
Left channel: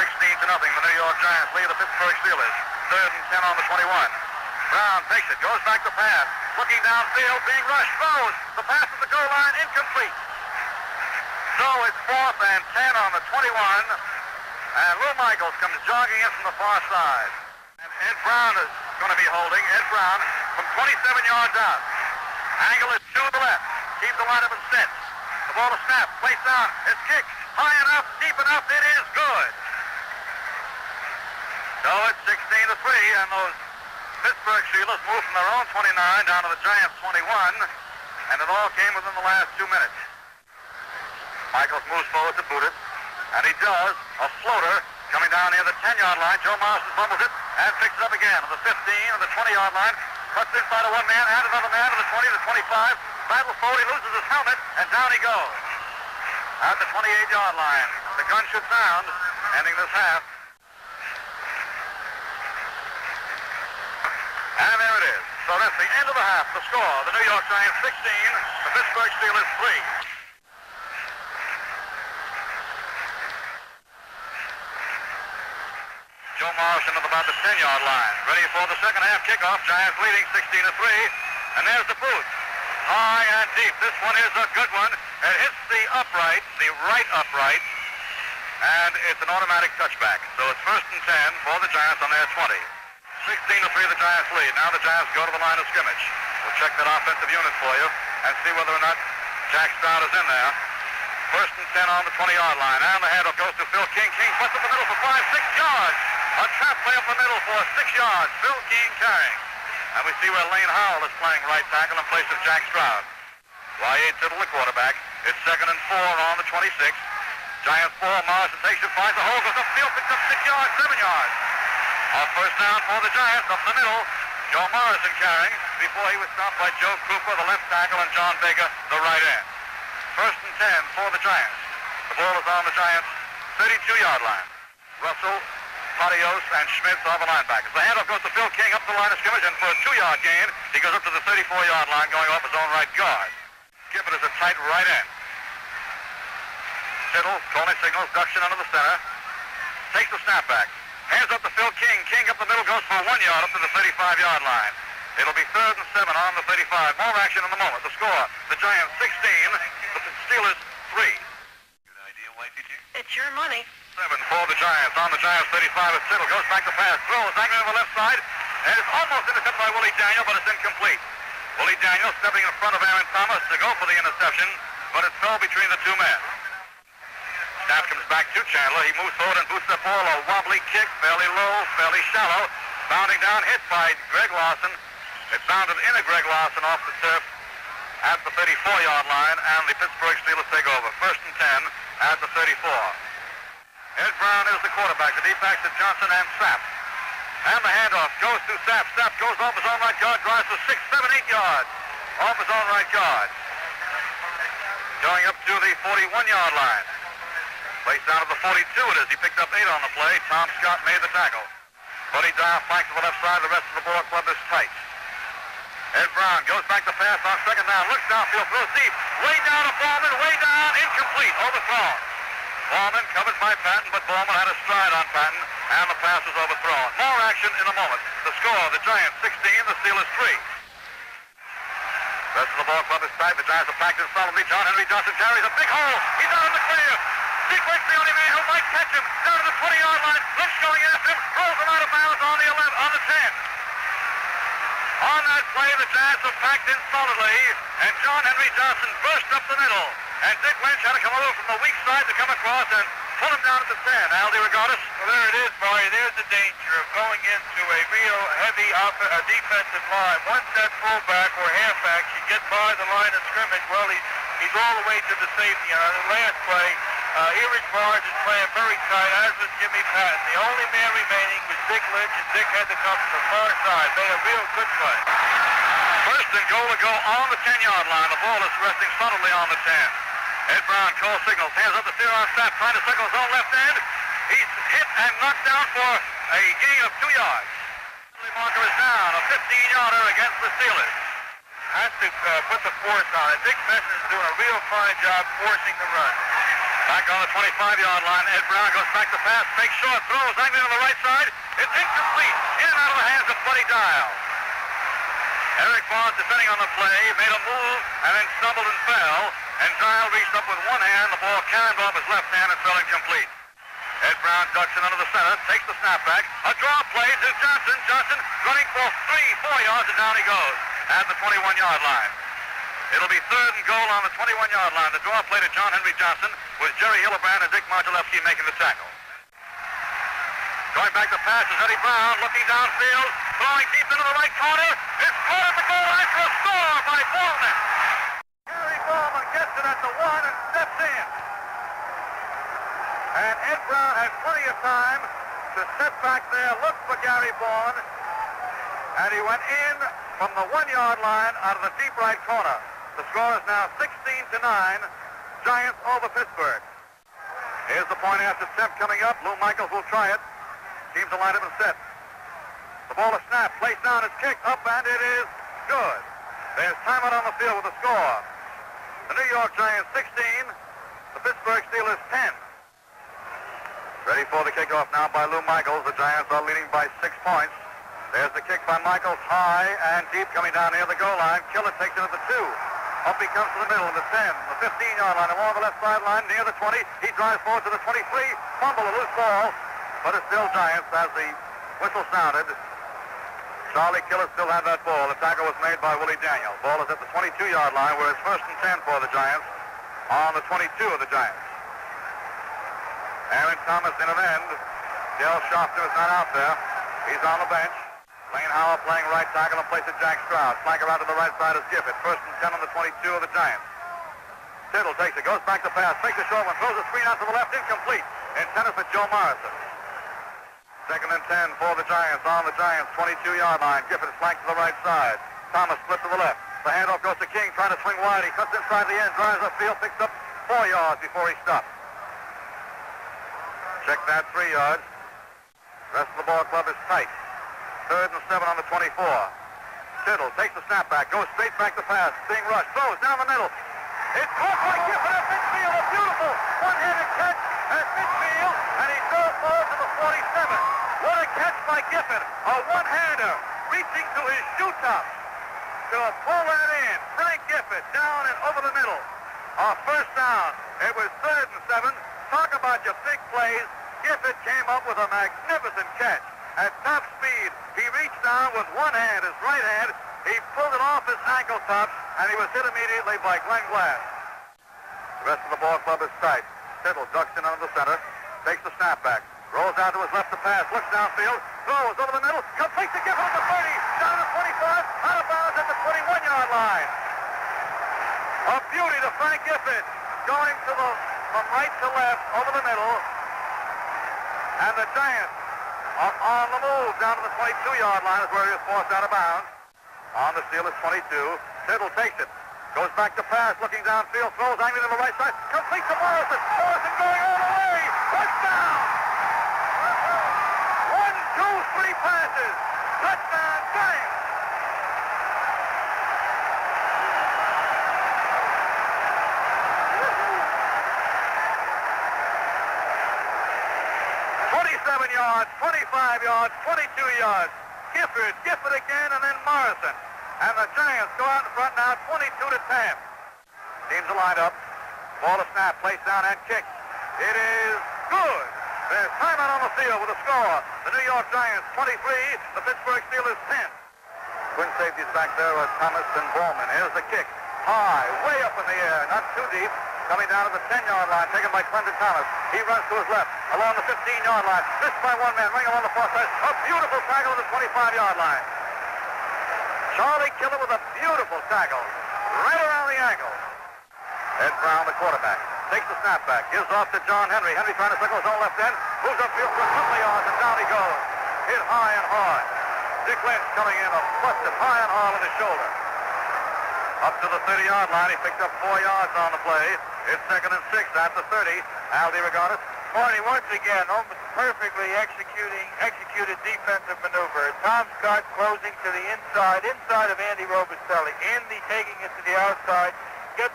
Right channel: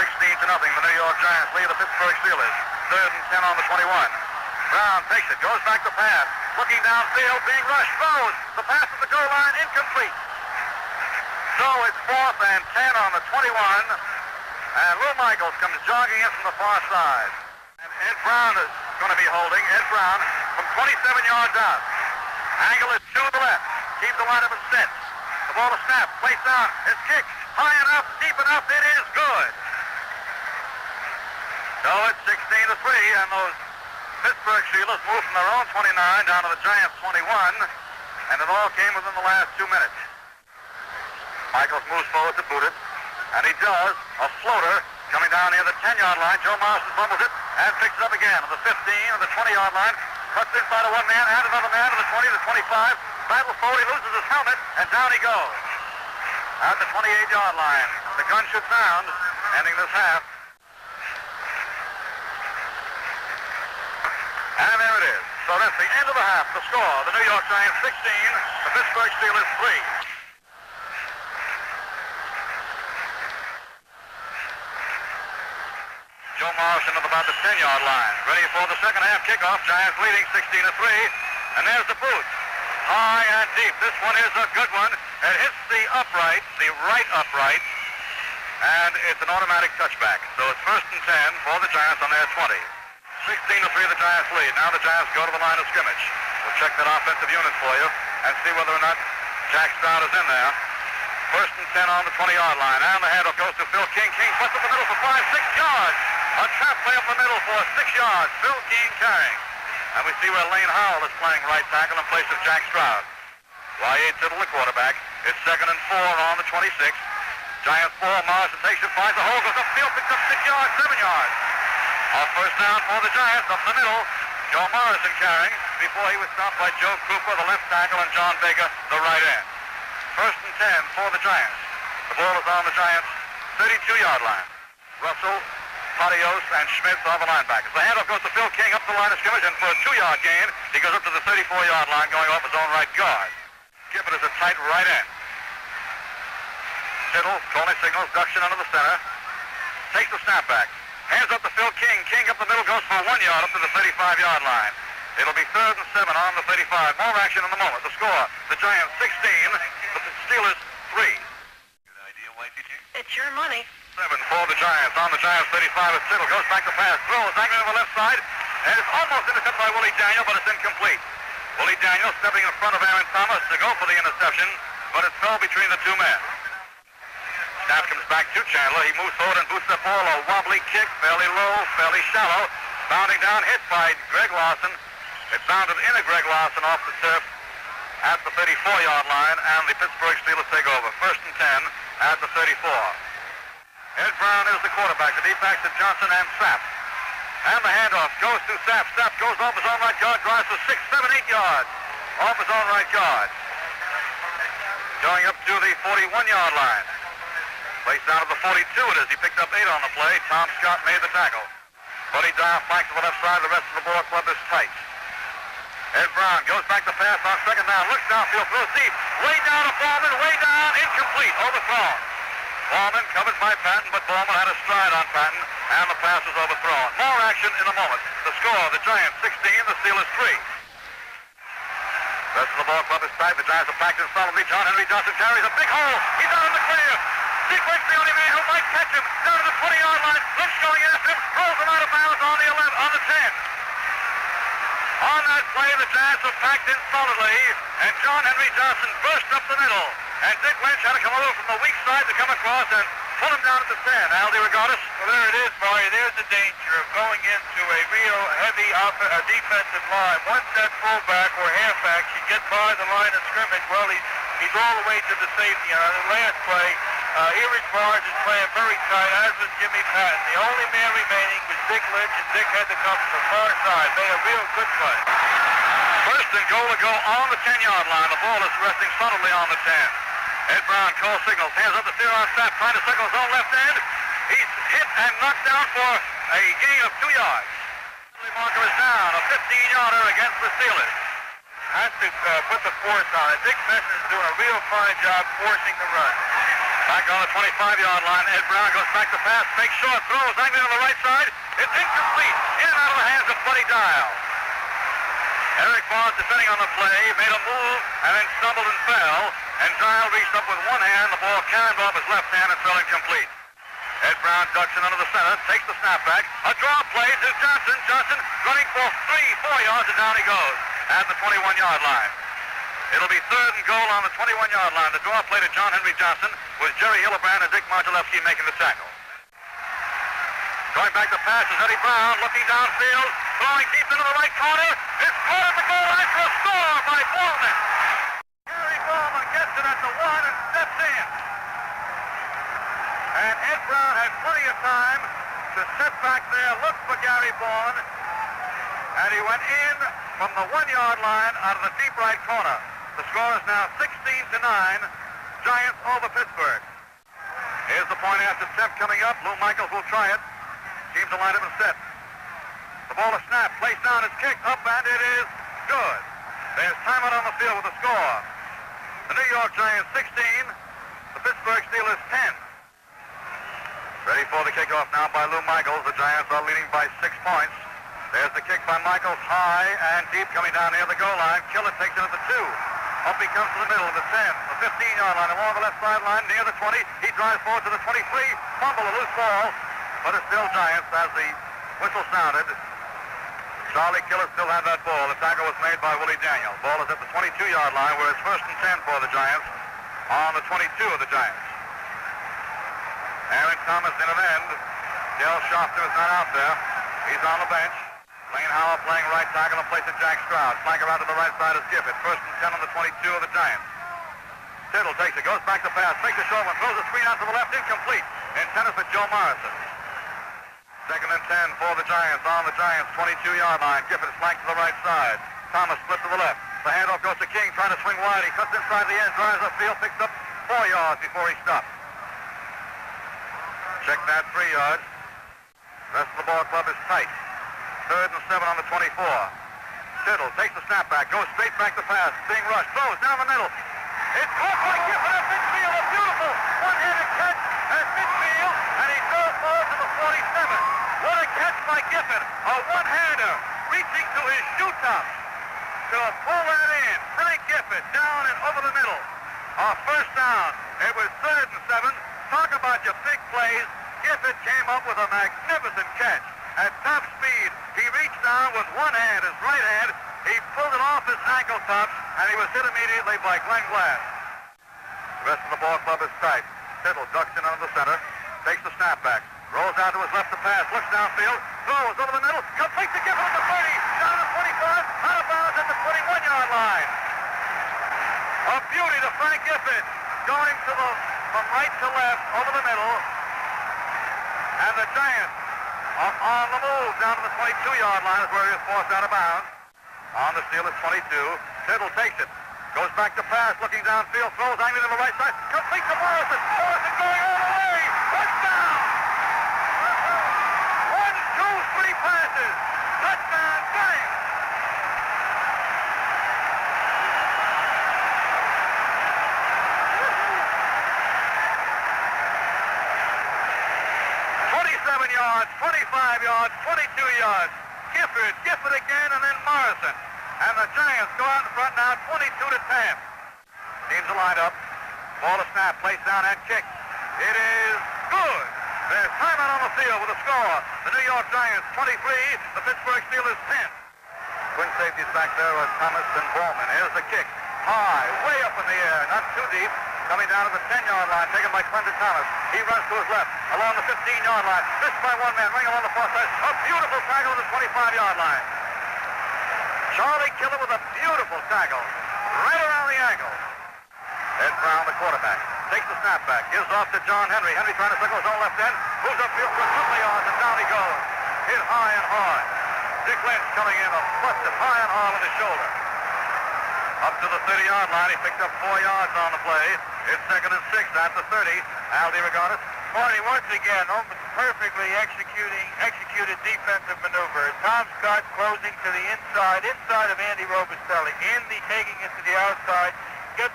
16-0, the New York Giants lead the Pittsburgh Steelers. 3rd and 10 on the 21. Brown takes it, goes back to pass. Looking downfield, being rushed, throws. The pass at the goal line, incomplete. So it's 4th and 10 on the 21. And Lou Michaels comes jogging in from the far side. And Ed Brown is going to be holding. Ed Brown from 27 yards out. Angle is to the left. Keep the lineup and set. The ball is snapped. Placed down. It's kicked. High enough. Deep enough. It is good. So it's 16-3. And those Pittsburgh Steelers moved from their own 29 down to the Giants' 21. And it all came within the last 2 minutes. Michaels moves forward to boot it. And he does. A floater coming down near the 10-yard line. Joe Morrison fumbles it and picks it up again on the 15 and the 20-yard line. Cuts inside of one man and another man to the 20, the 25. Battle forward, he loses his helmet, and down he goes. At the 28-yard line. The gun should sound, ending this half. And there it is. So that's the end of the half. The score, the New York Giants 16, the Pittsburgh Steelers 3. Joe Morrison at about the 10-yard line. Ready for the second half kickoff. Giants leading 16-3. And there's the boot. High and deep. This one is a good one. It hits the upright, the right upright. And it's an automatic touchback. So it's 1st and 10 for the Giants on their 20. 16-3 the Giants lead. Now the Giants go to the line of scrimmage. We'll check that offensive unit for you and see whether or not Jack Stroud is in there. 1st and 10 on the 20-yard line. And the handoff goes to Phil King. King puts up the middle for 5-6 yards. A trap play up the middle for 6 yards. Phil King carrying. And we see where Lane Howell is playing right tackle in place of Jack Stroud. Y.A. Tittle, the quarterback. It's 2nd and 4 on the 26. Giants 4. Morrison takes it, finds a hole, goes upfield, picks up 6 yards, 7 yards. A first down for the Giants up the middle. Joe Morrison carrying before he was stopped by Joe Cooper, the left tackle, and John Baker, the right end. 1st and 10 for the Giants. The ball is on the Giants' 32-yard line. Russell, Patios, and Schmitz are the linebackers. The handoff goes to Phil King up the line of scrimmage, and for a 2-yard gain, he goes up to the 34-yard line, going off his own right guard. Gifford is a tight right end. Tittle, calling signals, ducks in under the center. Takes the snap back. Hands up to Phil King. King up the middle, goes for 1 yard up to the 35-yard line. It'll be 3rd and 7 on the 35. More action in a moment. The score, the Giants 16, the Steelers 3. Your idea, Whitey, King? It's your money. 7 for the Giants. On the Giants 35 as Tittle goes back to pass. Throws angry on the left side. And it's almost intercepted by Willie Daniel, but it's incomplete. Willie Daniel stepping in front of Aaron Thomas to go for the interception, but it fell between the two men. Snap comes back to Chandler. He moves forward and boots the ball. A wobbly kick, fairly low, fairly shallow. Bounding down, hit by Greg Lawson. It bounded into Greg Lawson off the turf at the 34-yard line, and the Pittsburgh Steelers take over. 1st and 10 at the 34. Ed Brown is the quarterback. The defense to Johnson and Sapp. And the handoff goes to Sapp. Sapp goes off his own right guard, drives for 6, 7, 8 yards. Off his own right guard. Going up to the 41-yard line. Raced down to the 42 it is. He picked up 8 on the play. Tom Scott made the tackle. Buddy Dow flanks to the left side. The rest of the ball club is tight. Ed Brown goes back to pass on 2nd down. Looks downfield, throws deep. Way down to Ballman. Way down. Incomplete. Overthrown. Ballman covered by Patton, but Ballman had a stride on Patton, and the pass is overthrown. More action in a moment. The score, the Giants 16, the Steelers 3. Rest of the ball club is tight. The Giants are packed in solidly. John Henry Johnson carries a big hole. He's out in the clear. Sequence the only man who might catch him. Down to the 20-yard line. Lynch going after him. Rolls him out of bounds on the 11, on the 10. On that play, the Giants are packed in solidly, and John Henry Johnson burst up the middle. And Dick Lynch had to come over from the weak side to come across and pull him down at the 10. Aldi Regatas. Well, there it is, Barry. There's the danger of going into a real heavy defensive line. Once that fullback or halfback should get by the line of scrimmage, well, he's all the way to the safety. And on the last play, Eric Barnes is playing very tight, as was Jimmy Patton. The only man remaining was Dick Lynch, and Dick had to come from the far side. Made a real good play. 1st and goal to go on the 10-yard line. The ball is resting solidly on the 10. Ed Brown calls signals. Hands up the steer on Sapp, trying to signal his own left end. He's hit and knocked down for a gain of 2 yards. The marker is down, a 15-yarder against the Steelers. has to put the force on it. Dick Benson is doing a real fine job forcing the run. Back on the 25-yard line. Ed Brown goes back to pass, makes short throws, angling on the right side. It's incomplete. In and out of the hands of Buddy Dial. Eric Vaughn, defending on the play, made a move and then stumbled and fell. And Dial reached up with one hand. The ball cannoned off his left hand and fell incomplete. Ed Brown ducks in under the center, takes the snap back. A draw play to Johnson. Johnson running for 3-4 yards, and down he goes at the 21-yard line. It'll be third and goal on the 21-yard line. The draw play to John Henry Johnson was Jerry Hillebrand and Dick Modulewski making the tackle. Going back to pass is Eddie Brown, looking downfield, throwing deep into the right corner. It's caught at the goal line for a score by Bowman. Gary Bowman gets it at the 1 and steps in. And Ed Brown had plenty of time to sit back there, look for Gary Bowman, and he went in from the 1-yard line out of the deep right corner. The score is now 16-9, Giants over Pittsburgh. Here's the point after attempt coming up. Lou Michaels will try it. Seems to line up and set. The ball is snapped, placed down, it's kicked up, and it is good. There's timeout on the field with the score. The New York Giants 16, the Pittsburgh Steelers 10. Ready for the kickoff now by Lou Michaels. The Giants are leading by 6 points. There's the kick by Michaels, high and deep, coming down near the goal line. Killer takes it at the 2. Up he comes to the middle, the 10, the 15-yard line, along the left sideline, near the 20. He drives forward to the 23. Fumble, a loose ball, but it's still Giants as the whistle sounded. Charlie Killer still had that ball. The tackle was made by Willie Daniels. Ball is at the 22-yard line, where it's first and 10 for the Giants on the 22 of the Giants. Aaron Thomas in an end. Dale Shofter is not out there. He's on the bench. Lane Howell playing right tackle in place of Jack Stroud. Flanker out to the right side is Gifford. First and 10 on the 22 of the Giants. Tittle takes it, goes back to pass, takes a short one, throws a screen out to the left, incomplete. Intended for Joe Morrison. Second and 10 for the Giants on the Giants 22-yard line. Gifford is flanked to the right side. Thomas split to the left. The handoff goes to King, trying to swing wide. He cuts inside the end, drives upfield, picks up 4 yards before he stops. Check that 3 yards. The rest of the ball club is tight. Third and 7 on the 24. Tittle takes the snap back, goes straight back to pass. Being rushed, throws down the middle. It's caught by Gifford at midfield. A beautiful one-handed catch at midfield, and he throws forward to the 47. What a catch by Gifford. A one-hander reaching to his shoe tops to pull that in. Frank Gifford down and over the middle. First down. It was third and 7. Talk about your big plays. Gifford came up with a magnificent catch. At top speed, he reached down with one hand, his right hand. He pulled it off his ankle tops, and he was hit immediately by Glenn Glass. The rest of the ball club is tight. Tittle ducks in under the center, takes the snap back, rolls out to his left to pass, looks downfield, throws over the middle, completes the Gifford at the 30, down to 25, out of bounds at the 21-yard line. A beauty to Frank Gifford, going from right to left, over the middle, and the Giants are on the move down to the 22-yard line is where he is forced out of bounds. On the Steelers 22, Tittle takes it, goes back to pass, looking downfield, throws angling to the right side, completes to Morrison. Morrison going all the way. Touchdown! 1, 2, 3 passes. Touchdown, Giants! Yards, 25 yards, 22 yards. Gifford again, and then Morrison. And the Giants go out in front now, 22-10. Teams are lined up. Ball to snap, placed down and kicked. It is good. There's timeout on the field with a score. The New York Giants 23, the Pittsburgh Steelers 10. Twin safeties back there are Thomas and Bowman. Here's the kick. High, way up in the air, not too deep. Coming down to the 10-yard line, taken by Clinton Thomas. He runs to his left, along the 15-yard line. Missed by one man, ring along the far side. A beautiful tackle at the 25-yard line. Charlie Killer with a beautiful tackle, right around the ankle. Ed Brown, the quarterback, takes the snap back, gives off to John Henry. Henry trying to circle his own left end, moves upfield for a couple of yards, and down he goes. Hit high and hard. Dick Lynch coming in, busted high and hard with his shoulder. Up to the 30-yard line, he picked up 4 yards on the play. It's second and 6 at the 30. Al DeRogatis Marty, once again, almost perfectly executed defensive maneuver. Tom Scott closing to the inside of Andy Robustelli. Andy taking it to the outside,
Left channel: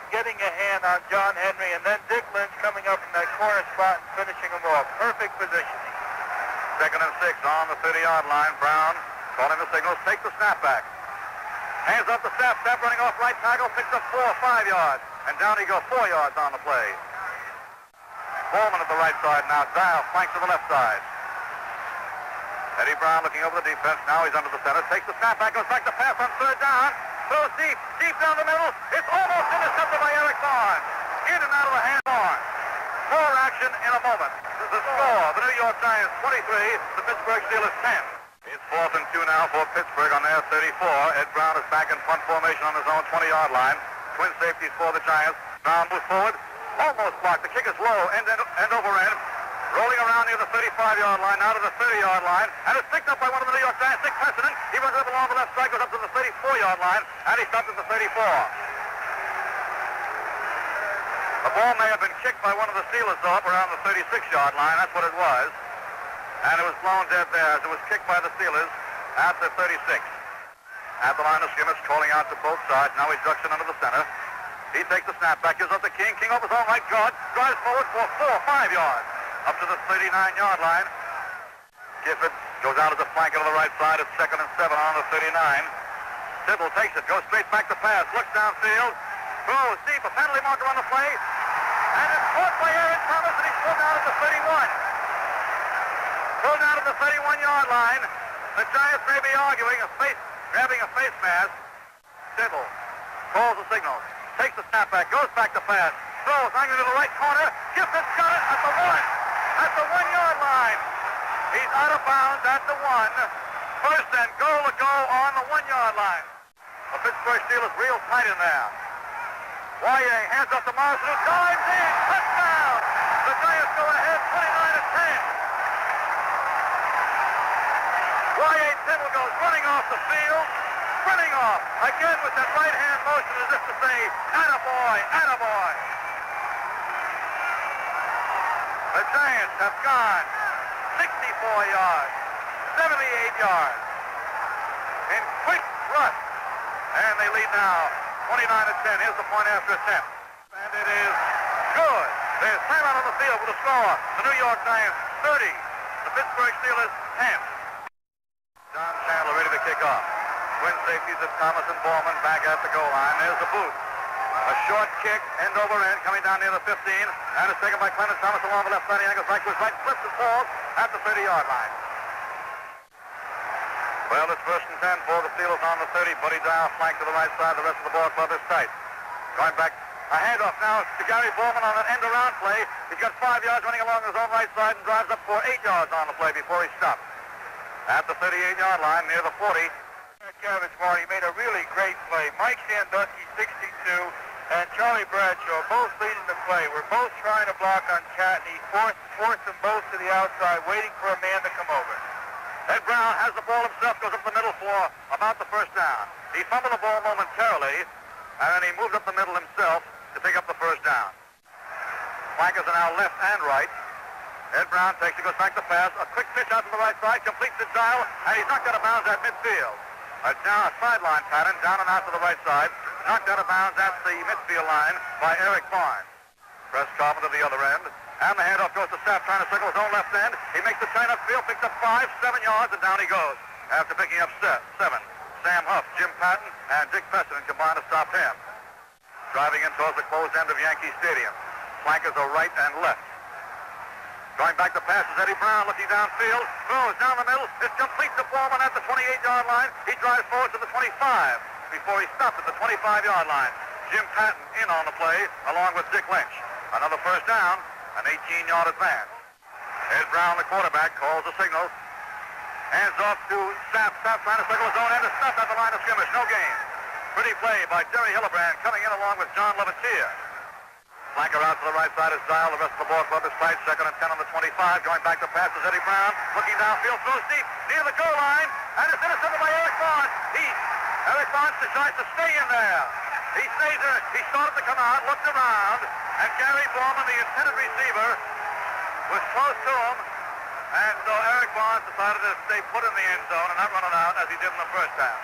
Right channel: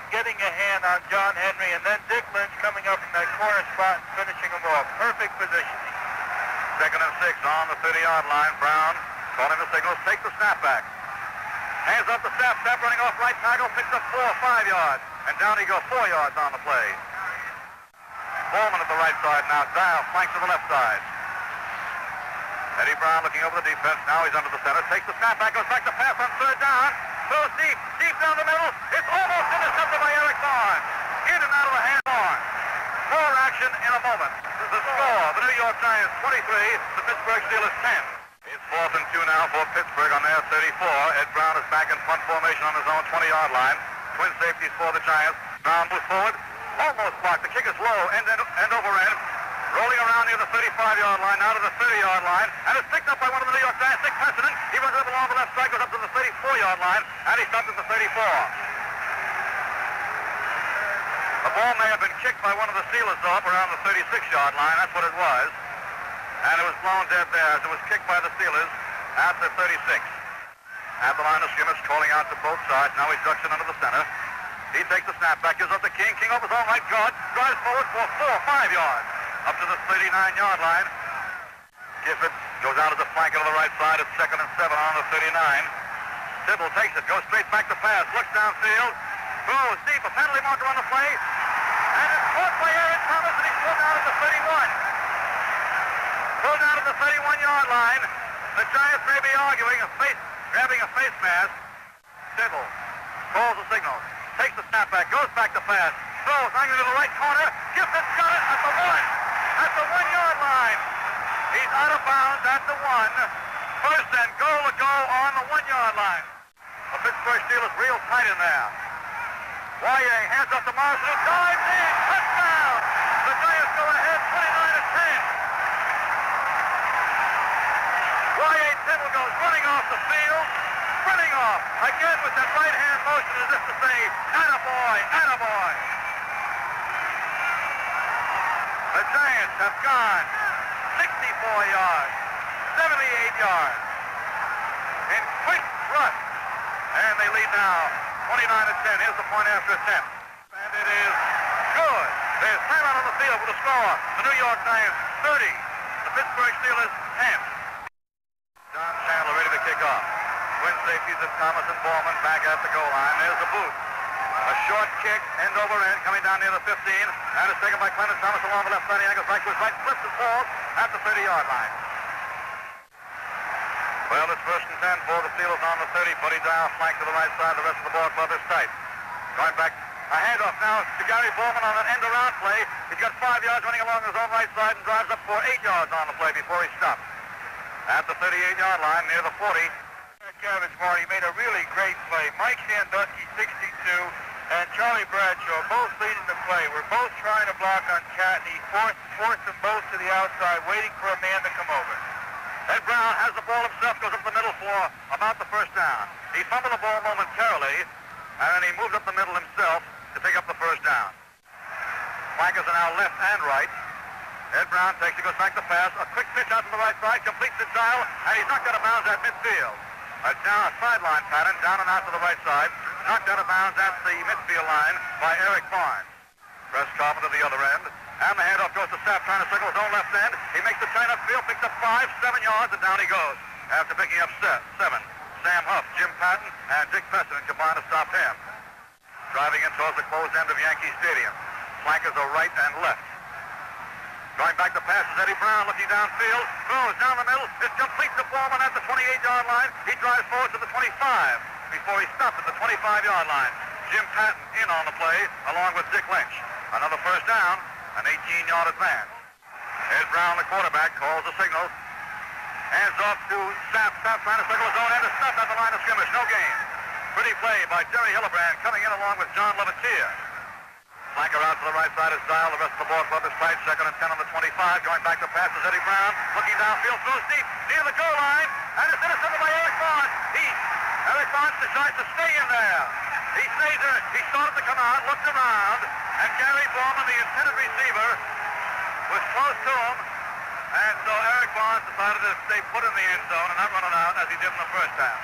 getting a hand on John Henry, and then Dick Lynch coming up in that corner spot and finishing him off. Perfect positioning. 2nd and 6 on the 30-yard line. Brown calling the signals, take the snap back. Hands up the snap running off right tackle, picks up 4 or 5 yards, and down he goes 4 yards on the play. Bowman at the right side now. Dial flanks to the left side. Eddie Brown looking over the defense. Now he's under the center. Takes the snap back. Goes back to pass on 3rd down. Throws deep down the middle. It's almost intercepted by Eric Barnes. In and out of the hand of Barnes. More action in a moment. The score, the New York Giants 23, the Pittsburgh Steelers 10. It's 4th and 2 now for Pittsburgh on their 34. Ed Brown is back in punt formation on his own 20-yard line. Twin safeties for the Giants. Brown moves forward. Almost blocked. The kick is low, end over end. Rolling around near the 35-yard line, now to the 30-yard line. And it's picked up by one of the New York Giants, Dick Precedent. He runs up along the left side, goes up to the 34-yard line, and he stops at the 34. The ball may have been kicked by one of the Steelers, though, up around the 36-yard line. That's what it was. And it was blown dead there as it was kicked by the Steelers at the 36. At the line of scrimmage, calling out to both sides. Now he ducks in under the center. He takes the snap back, gives up to King. King off his own right guard, drives forward for 4 or 5 yards. Up to the 39-yard line. Gifford goes out as a flanker to the right side. It's 2nd and 7 on the 39. Tittle takes it, goes straight back to pass, looks downfield, throws deep, a penalty marker on the play, and it's caught by Aaron Thomas, and he's pulled out at the 31. Pulled out at the 31-yard line. The Giants may be arguing, grabbing a face mask. Tittle calls the signal. Takes the snap back, goes back to pass, throws, hanging to the right corner. Gifford's got it at the 1-yard line. He's out of bounds at the 1. 1st and goal to go on the 1-yard line. The Pittsburgh Steelers real tight in there. Wyatt hands up to Morrison, who dives in. Touchdown! The Giants go ahead 29-10. Wyatt Tittle goes running off the field. Running off again with that right hand motion as if to say, attaboy, attaboy. The Giants have gone 64 yards, 78 yards in quick thrust, and they lead now 29-10. Here's the point after attempt, and it is good. There's timeout on the field with a score. The New York Giants 30, the Pittsburgh Steelers 10. John Chandler ready to kick off. Twin safeties of Thomas and Bowman back at the goal line. There's the boot. A short kick, end over end, coming down near the 15, and it's taken by Clement Thomas along the left side. He angles back to his right, flips and falls at the 30-yard line. Well, it's 1st and 10 for the Steelers on the 30. Buddy Dial flank to the right side. The rest of the ball club is tight. Going back, a handoff now to Gary Bowman on an end-around play. He's got 5 yards running along his own right side and drives up for 8 yards on the play before he stops. At the 38-yard line, near the 40. Cabbage Marty made a really great play. Mike Sandusky, 62, and Charlie Bradshaw both leading the play. We're both trying to block on Cat, and he forced them both to the outside, waiting for a man to come over. Ed Brown has the ball himself, goes up the middle for about the 1st down. He fumbled the ball momentarily, and then he moved up the middle himself to pick up the 1st down. Flankers are now left and right. Ed Brown takes it, goes back to pass. A quick pitch out to the right side, completes the dial, and he's knocked out of bounds at midfield. Now a sideline pattern, down and out to the right side. Knocked out of bounds at the midfield line by Eric Barnes. Press Carpenter to the other end. And the handoff goes to Sapp, trying to circle his own left end. He makes the turn upfield, picks up 5, 7 yards, and down he goes. After picking up 7. Sam Huff, Jim Patton, and Dick Precedent combined to stop him. Driving in towards the closed end of Yankee Stadium. Flankers are right and left. Going back to pass is Eddie Brown, looking downfield, throws down the middle. It's complete to Bowman at the 28-yard line. He drives forward to the 25 before he stops at the 25-yard line. Jim Patton in on the play, along with Dick Lynch. Another 1st down, an 18-yard advance. Ed Brown, the quarterback, calls the signal. Hands off to Sapp. Sapp trying to circle his own end. It's stopped at the line of scrimmage. No gain. Pretty play by Jerry Hillebrand, coming in along with John Levitier. Flanker out to the right side is Dial. The rest of the ball club is tight. 2nd and 10 on the 25. Going back to pass is Eddie Brown. Looking downfield, throws deep near the goal line. And it's intercepted by Eric Barnes. Eric Barnes decides to stay in there. He stays there. He started to come out, looked around, and Gary Bowman, the intended receiver, was close to him, and so Eric Barnes decided to stay put in the end zone and not run it out as he did in the first half.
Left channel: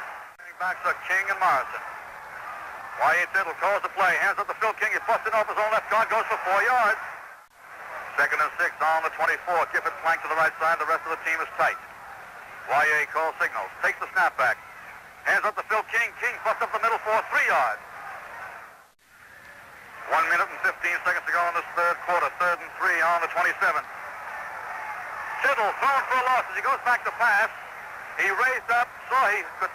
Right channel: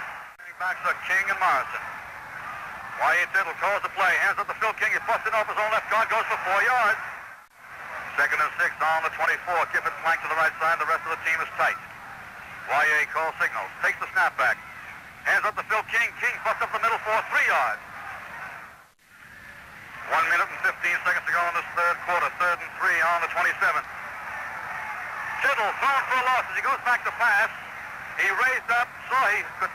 Backs are King and Morrison. Y.A. Tittle calls the play, hands up to Phil King. He's busting off his own left guard, goes for 4 yards. 2nd and 6 on the 24. Gifford flank to the right side. The rest of the team is tight. Y.A. calls signals, takes the snap back. Hands up to Phil King. King busts up the middle for 3 yards. 1 minute and 15 seconds to go in this third quarter. 3rd and 3 on the 27. Tittle thrown for a loss as he goes back to pass. He raised up, saw he could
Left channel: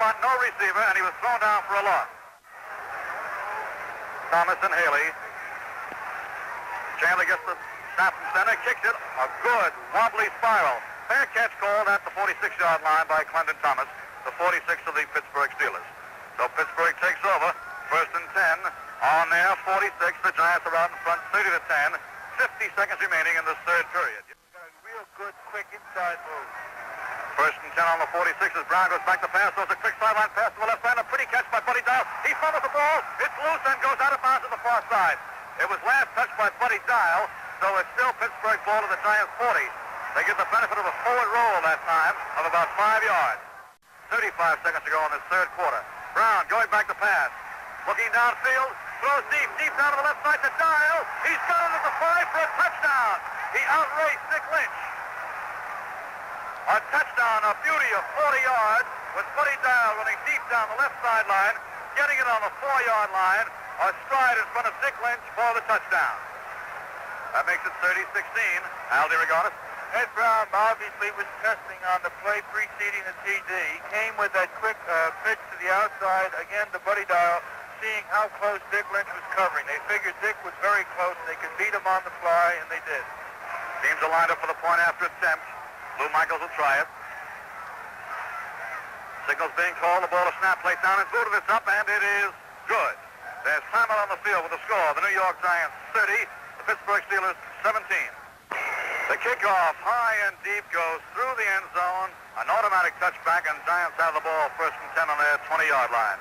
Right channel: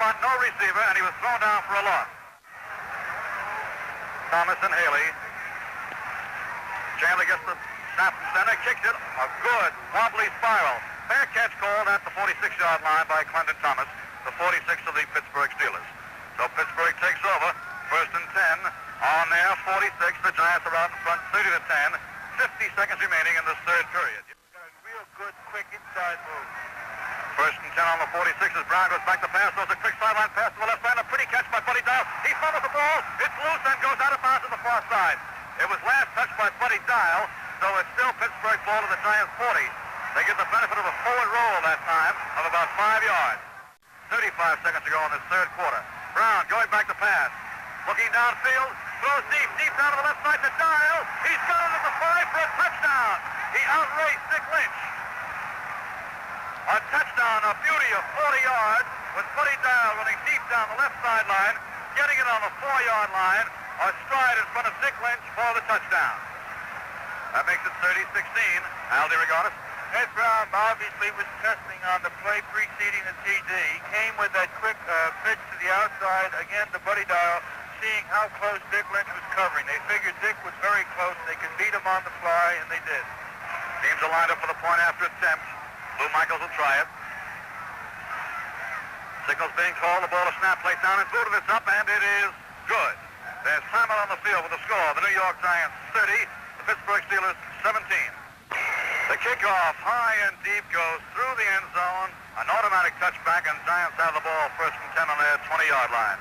spot no receiver, and he was thrown down for a loss. Thomas and Haley. Chandler gets the snap from center, kicks it. A good wobbly spiral. Fair catch called at the 46-yard line by Clendon Thomas, the 46 of the Pittsburgh Steelers. So Pittsburgh takes over. 1st and 10 on their 46. The Giants are out in front, 30-10. 50 seconds remaining in this third period. Got a real good, quick inside move. 1st and 10 on the 46 as Brown goes back to pass. Throws a quick sideline pass to the left side. A pretty catch by Buddy Dial. He fumbles the ball. It's loose and goes out of bounds to the far side. It was last touched by Buddy Dial, so it's still Pittsburgh ball to the Giants 40. They get the benefit of a forward roll that time of about 5 yards. 35 seconds to go in this third quarter. Brown going back to pass. Looking downfield. Throws deep down to the left side to Dial. He's got it at the 5 for a touchdown. He outraced Dick Lynch. A touchdown, a beauty of 40 yards with Buddy Dial running deep down the left sideline, getting it on the 4-yard line, a stride in front of Dick Lynch for the touchdown. That makes it 30-16. Al DeRogatis. Ed Brown obviously was testing on the play preceding the TD. He came with that quick pitch to the outside, again to Buddy Dial, seeing how close Dick Lynch was covering. They figured Dick was very close. They could beat him on the fly, and they did. Teams are lined up for the point after attempt. Lou Michaels will try it. Signals being called. The ball is snapped, placed down and booted. It's up, and it is good. There's time out on the field with the score. The New York Giants 30, the Pittsburgh Steelers 17. The kickoff, high and deep, goes through the end zone. An automatic touchback, and Giants have the ball 1st and 10 on their 20-yard line.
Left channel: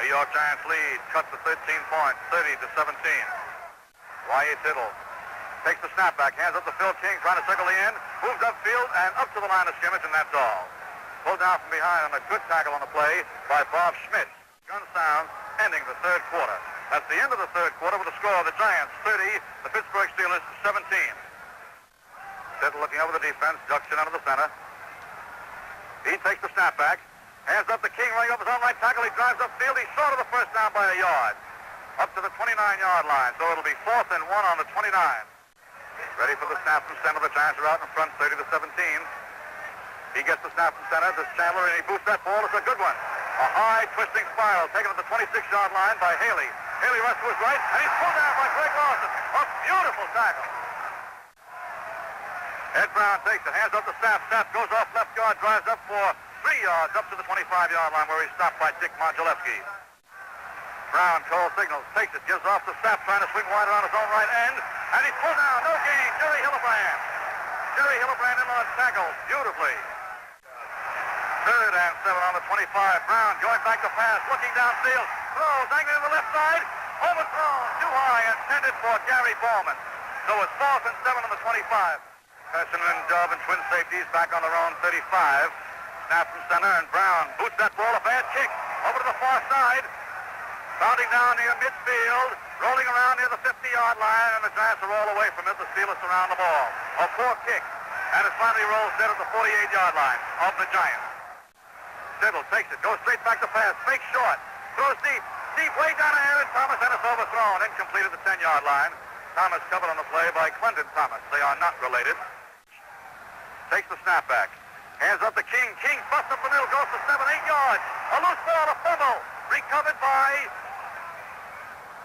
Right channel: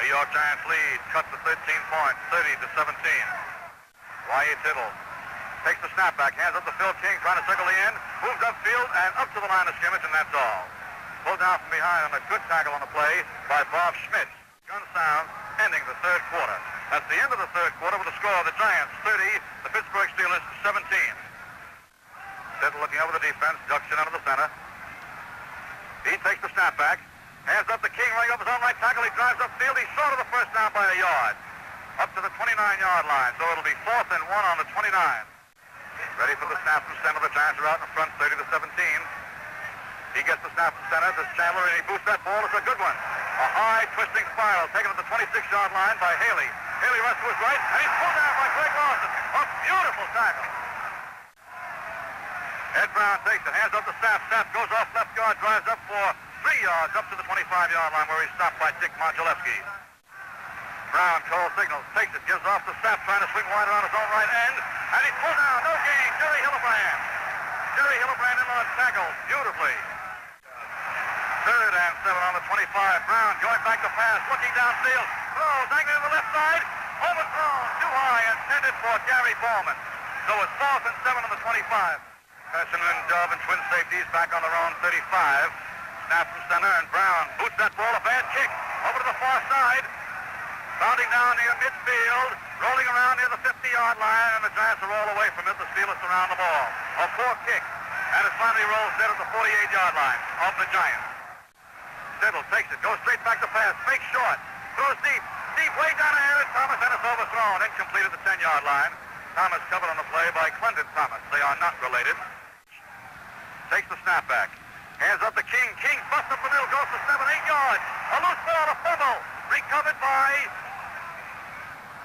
New York Giants lead, cut to 13 points, 30-17. Y.A. Tittle takes the snap back, hands up to Phil King, trying to circle the end, moves upfield and up to the line of scrimmage, and that's all. Pulled down from behind on a good tackle on the play by Bob Schmidt. Gun sounds, ending the third quarter. That's the end of the third quarter with the score of the Giants 30, the Pittsburgh Steelers 17. Tittle looking over the defense, ducks it under the center. He takes the snap back, hands up to King, running up his own right tackle. He drives upfield. He's short of the first down by a yard. Up to the 29-yard line, so it'll be 4th and 1 on the 29. Ready for the snap from center. The Giants are out in front, 30-17. He gets the snap from center. This Chandler, and he boosts that ball. It's a good one. A high twisting spiral taken at the 26-yard line by Haley. Haley runs to his right, and he's pulled down by Greg Lawson. A beautiful tackle. Ed Brown takes it, hands up to Sapp. Sapp goes off left guard, drives up for 3 yards up to the 25-yard line where he's stopped by Dick Modulewski. Brown calls signals, takes it, gives off to Sapp, trying to swing wide around his own right end, and he's pulled down. No gain. Jerry Hillebrand. Jerry Hillebrand in on tackle beautifully. 3rd and 7 on the 25. Brown going back to pass, looking downfield, throws, angling to the left side, overthrown, too high, intended for Gary Ballman. So it's 4th and 7 on the 25. Pessin and Dove and twin safeties back on their own 35. Snap from center, and Brown boots that ball, a bad kick, over to the far side. Bounding down near midfield, rolling around near the 50-yard line, and the Giants are all away from it. The Steelers surround the ball. A poor kick, and it finally rolls dead at the 48-yard line of the Giants. Tittle takes it, goes straight back to pass, fakes short, throws deep way down ahead, and Thomas, and it's overthrown, incomplete at the 10-yard line. Thomas covered on the play by Clendon Thomas. They are not related. Takes the snap back. Hands up to King. King busts up the middle, goes for 7-8 yards. A loose ball, a fumble. Recovered by...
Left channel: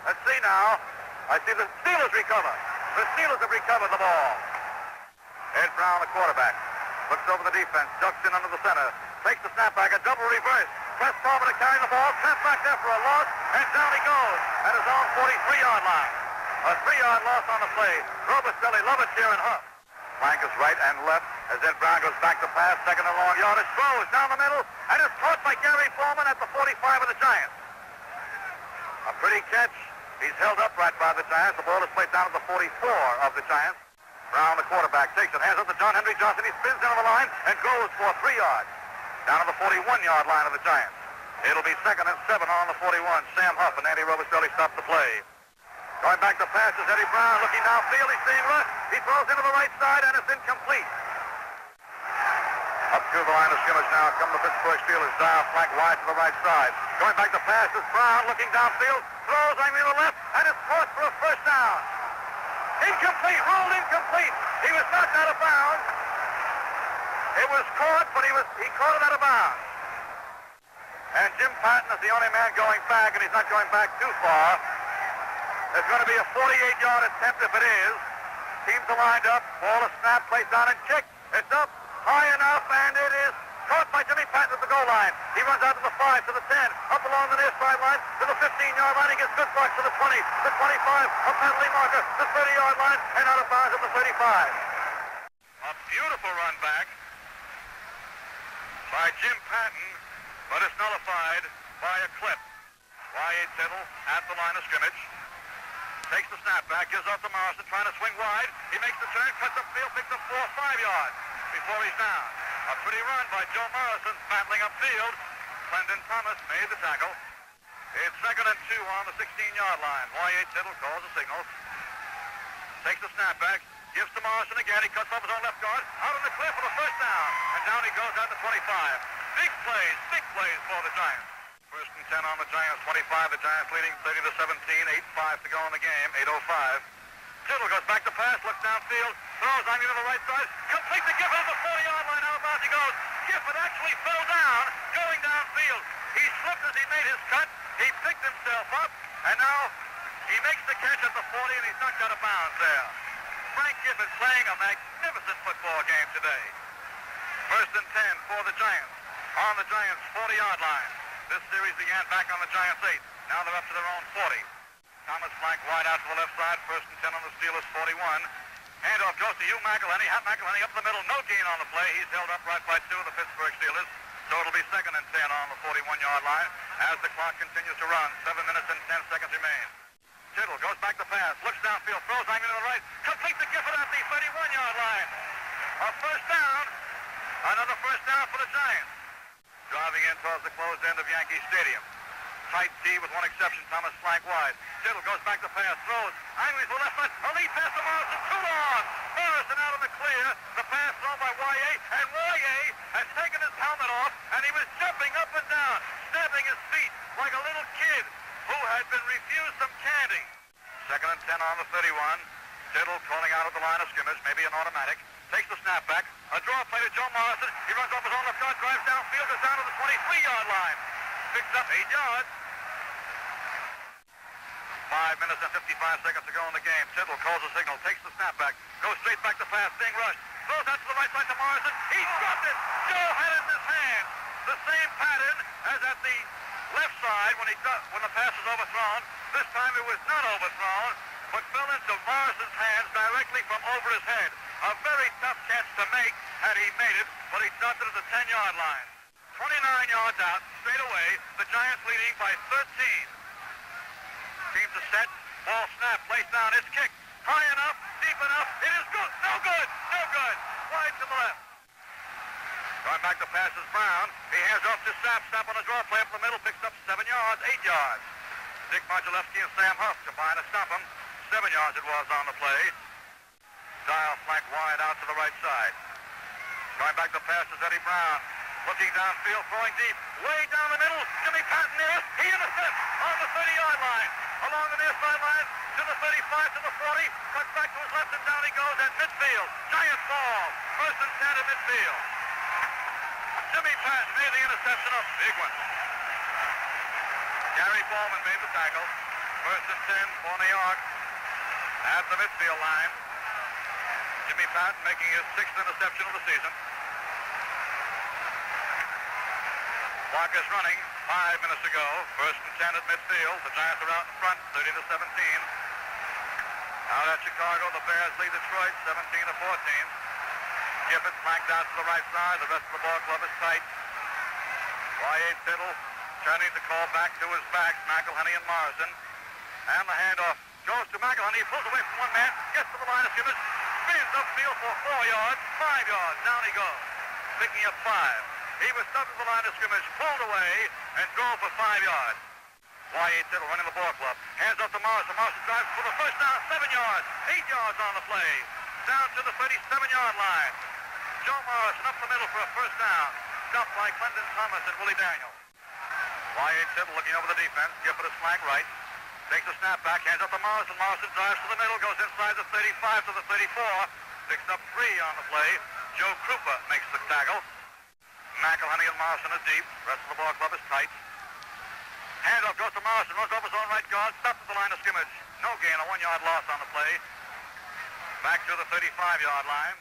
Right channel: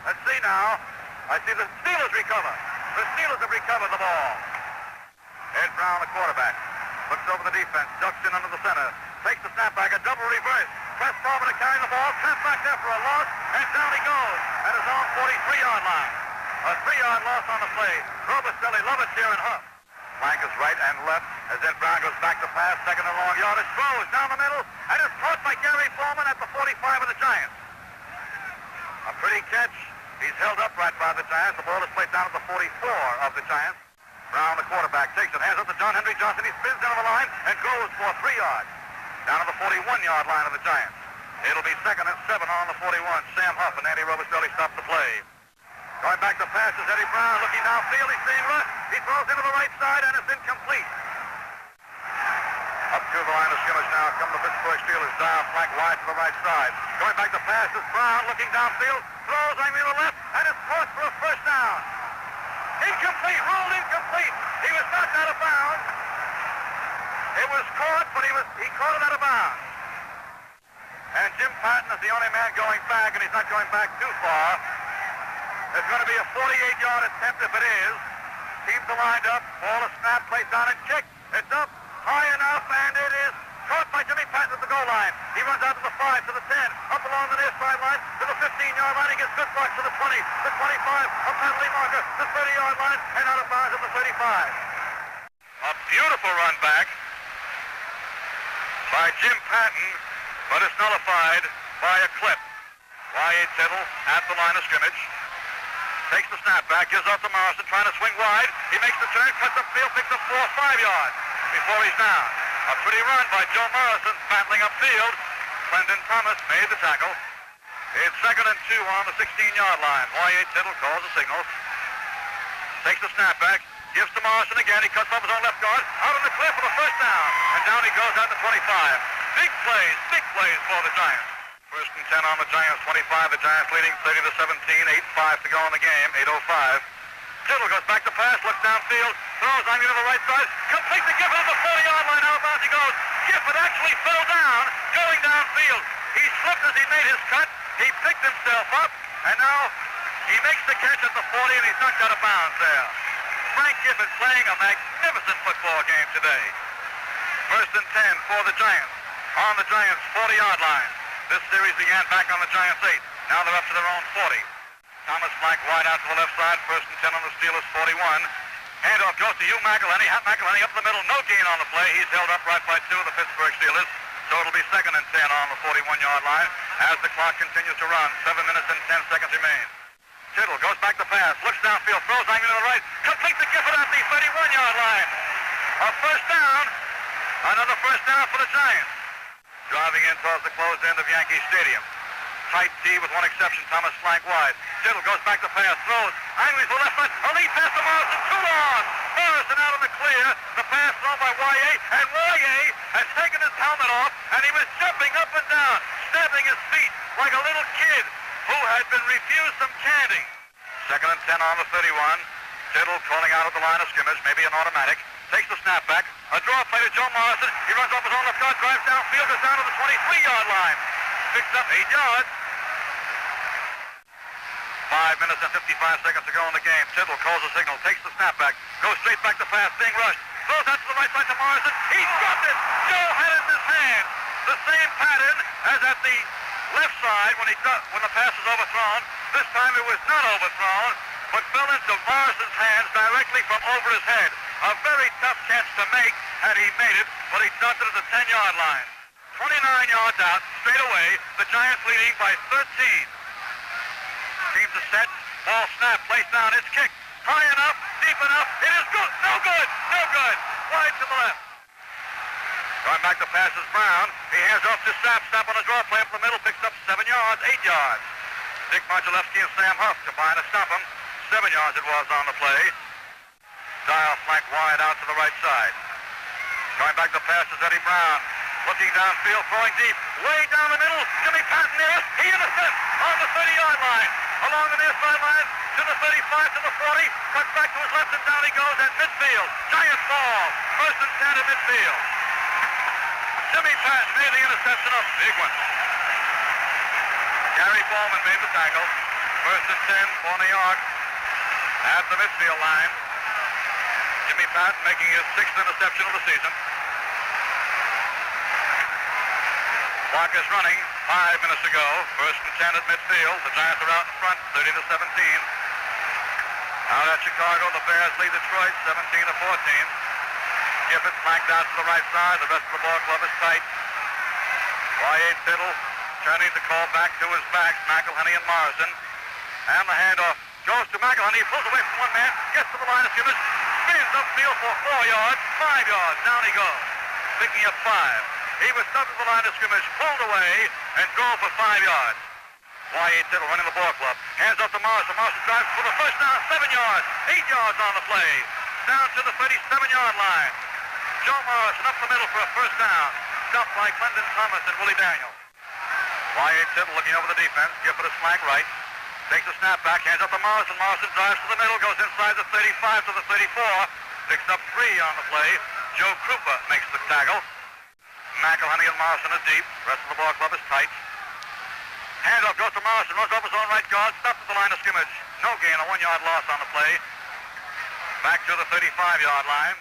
Let's see now. I see the Steelers recover. The Steelers have recovered the ball. Ed Brown, the quarterback, looks over the defense, ducks in under the center, takes the snap back, a double reverse. Press forward to carry the ball, trapped back there for a loss, and down he goes at his own 43-yard line. A 3-yard loss on the play. Robicelli, Lovetier, and Huff. Flank is right and left as Ed Brown goes back to pass, second and long yardage, throws down the middle, and is caught by Gary Ballman at the 45 of the Giants. A pretty catch. He's held upright by the Giants. The ball is played down at the 44 of the Giants. Brown, the quarterback, takes it, hands up to John Henry Johnson. He spins down the line and goes for 3 yards. Down to the 41-yard line of the Giants. It'll be 2nd and 7 on the 41. Sam Huff and Andy Robistelli stop the play. Going back to pass is Eddie Brown looking downfield. He's seeing Rush. He throws into the right side and it's incomplete. Up to the line of scrimmage now come the Pittsburgh Steelers. Down flank wide to the right side. Going back to pass is Brown looking downfield. Throws on the left and it's caught for a first down. Incomplete. Rolled incomplete. He was knocked out of bounds. It was caught, but he caught it out of bounds. And Jim Patton is the only man going back, and he's not going back too far. There's going to be a 48-yard attempt if it is. Teams are lined up. Ball is snapped, placed down, and kicked. It's up high enough, and it is caught by Jimmy Patton at the goal line. He runs out to the 5, to the 10, up along the near sideline, to the 15-yard line. He gets good blocks to the 20, the 25, a penalty marker, the 30-yard line, and out of bounds at the 35. A beautiful run back by Jim Patton, but it's nullified by a clip. Y.A. Tittle at the line of scrimmage. Takes the snap back, gives off to Morrison, trying to swing wide. He makes the turn, cuts upfield, picks up 4 or 5 yards before he's down. A pretty run by Joe Morrison, battling upfield. Clendon Thomas made the tackle. It's 2nd and 2 on the 16-yard line. Y.A. Tittle calls the signal. Takes the snap back, gives to Morrison again. He cuts off his own left guard, out on the cliff for the first down. And down he goes out to 25. Big plays for the Giants. 1st and 10 on the Giants, 25. The Giants leading 30-17, 8:05 to go in the game, 8:05. Tittle goes back to pass, looks downfield, throws on to the right side, complete to Gifford at the 40-yard line. Out of bounds he goes. Gifford actually fell down, going downfield. He slipped as he made his cut. He picked himself up, and now he makes the catch at the 40, and he's knocked out of bounds there. Frank Gifford playing a magnificent football game today. 1st and 10 for the Giants. On the Giants' 40-yard line. This series began back on the Giants' 8. Now they're up to their own 40. Thomas flank wide out to the left side. 1st and 10 on the Steelers' 41. Handoff goes to Hugh McElhenney. McElhenney up the middle. No gain on the play. He's held up right by 2 of the Pittsburgh Steelers. So it'll be 2nd and 10 on the 41-yard line as the clock continues to run. 7 minutes and 10 seconds remain. Tittle goes back to pass. Looks downfield. Throws on to the right. Complete to Gifford at the 31-yard line. A first down. Another first down for the Giants. Driving in towards the closed end of Yankee Stadium. Tight D with one exception. Thomas flank wide. Tittle goes back to pass. Throws. Angry to the left side. A lead pass to Morrison. Too long. Morrison out in the clear. The pass thrown by Y.A. And Y.A. has taken his helmet off. And he was jumping up and down. Stamping his feet like a little kid who had been refused some candy. 2nd and 10 on the 31. Tittle calling out at the line of scrimmage. Maybe an automatic. Takes the snap back. A draw play to Joe Morrison. He runs off his own left guard, drives downfield, goes down to the 23-yard line. Picks up 8 yards. 5 minutes and 55 seconds to go in the game. Tittle calls the signal, takes the snap back, goes straight back to pass, being rushed. Throws out to the right side to Morrison. He dropped it. Joe had it in his hand. The same pattern as at the left side when the pass was overthrown. This time it was not overthrown, but fell into Morrison's hands directly from over his head. A very tough catch to make had he made it, but he dropped it at the 10-yard line. 29 yards out, straight away, the Giants leading by 13. Teams are set, ball snap, placed down, it's kicked. High enough, deep enough, it is good, no good, no good. Wide to the left. Going back to pass is Brown. He hands off to Sapp. Sapp on a draw play up the middle, picks up 7 yards, 8 yards. Dick Modulewski and Sam Huff combine to stop him. 7 yards it was on the play. Dial flank wide out to the right side. Going back to pass is Eddie Brown. Looking downfield, throwing deep. Way down the middle. Jimmy Patton there. He intercepts on the 30-yard line. Along the near sideline to the 35, to the 40. Cuts back to his left and down he goes at midfield. Giants ball. 1st and 10 at midfield. Jimmy Patton made the interception, a big one. Gary Bowman made the tackle. 1st and 10 for New York at the midfield line. Jimmy Patton making his 6th interception of the season. Clock is running. 5 minutes to go. 1st and 10 at midfield. The Giants are out in front, 30-17. Out at Chicago, the Bears lead Detroit, 17-14. Gifford flanked out to the right side. The rest of the ball club is tight. Y.A. Tittle turning to call back to his backs, McElhenney and Morrison. And the handoff goes to McElhenney. He pulls away from one man, gets to the line of scrimmage. spins upfield for 4 yards, 5 yards. Down he goes, picking up 5. He was stopped at the line of scrimmage, pulled away, and drove for 5 yards. Y.A. Tittle running the ball club. Hands up to Morrison. Morrison drives for the first down, 7 yards. 8 yards on the play. Down to the 37-yard line. Joe Morrison up the middle for a first down. Stopped by Clinton Thomas and Willie Daniels. Y.A. Tittle looking over the defense. Gifford is flank right. Takes a snap back. Hands up to Morrison. Morrison drives to the middle. Goes inside the 35 to the 34. Picks up 3 on the play. Joe Krupa makes the tackle. McElhenney and Morrison are deep. Rest of the ball club is tight. Handoff goes to Morrison, runs over his own right guard, stops at the line of scrimmage. No gain, a 1-yard loss on the play. Back to the 35-yard line.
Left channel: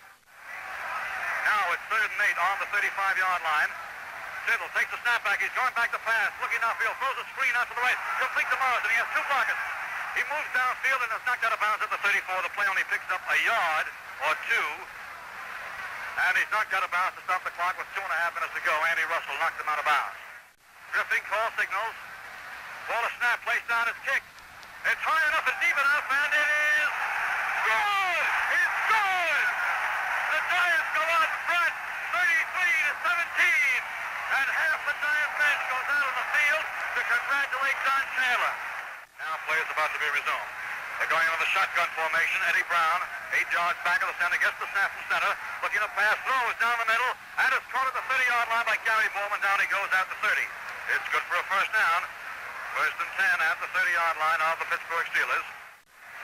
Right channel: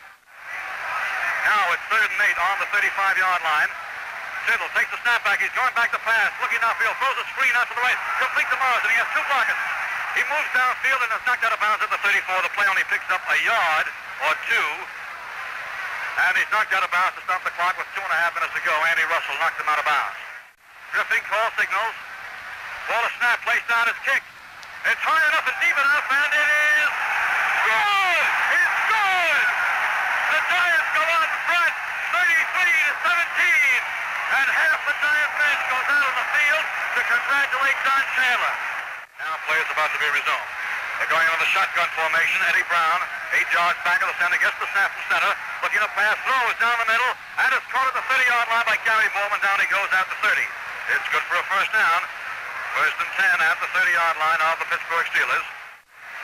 Now it's 3rd and 8 on the 35-yard line. Tittle takes the snap back. He's going back to pass, looking downfield, throws a screen out to the right, complete to Morrison. He has 2 blockers. He moves downfield and is knocked out of bounds at the 34. The play only picks up a yard or 2. And he's knocked out of bounds to stop the clock with 2.5 minutes to go. Andy Russell knocked him out of bounds. Griffin call signals. Ball a snap, placed down, is kicked. It's high enough and deep enough, and it is good! It's good! The Giants go out in front, 33-17. And half the Giant bench goes out on the field to congratulate Don Chandler. Now play is about to be resumed. They're going on the shotgun formation. Eddie Brown, 8 yards back of the center, gets the snap from center. Looking to pass, throws down the middle, and is caught at the 30-yard line by Gary Bowman. Down he goes at the 30. It's good for a first down. 1st and 10 at the 30-yard line of the Pittsburgh Steelers.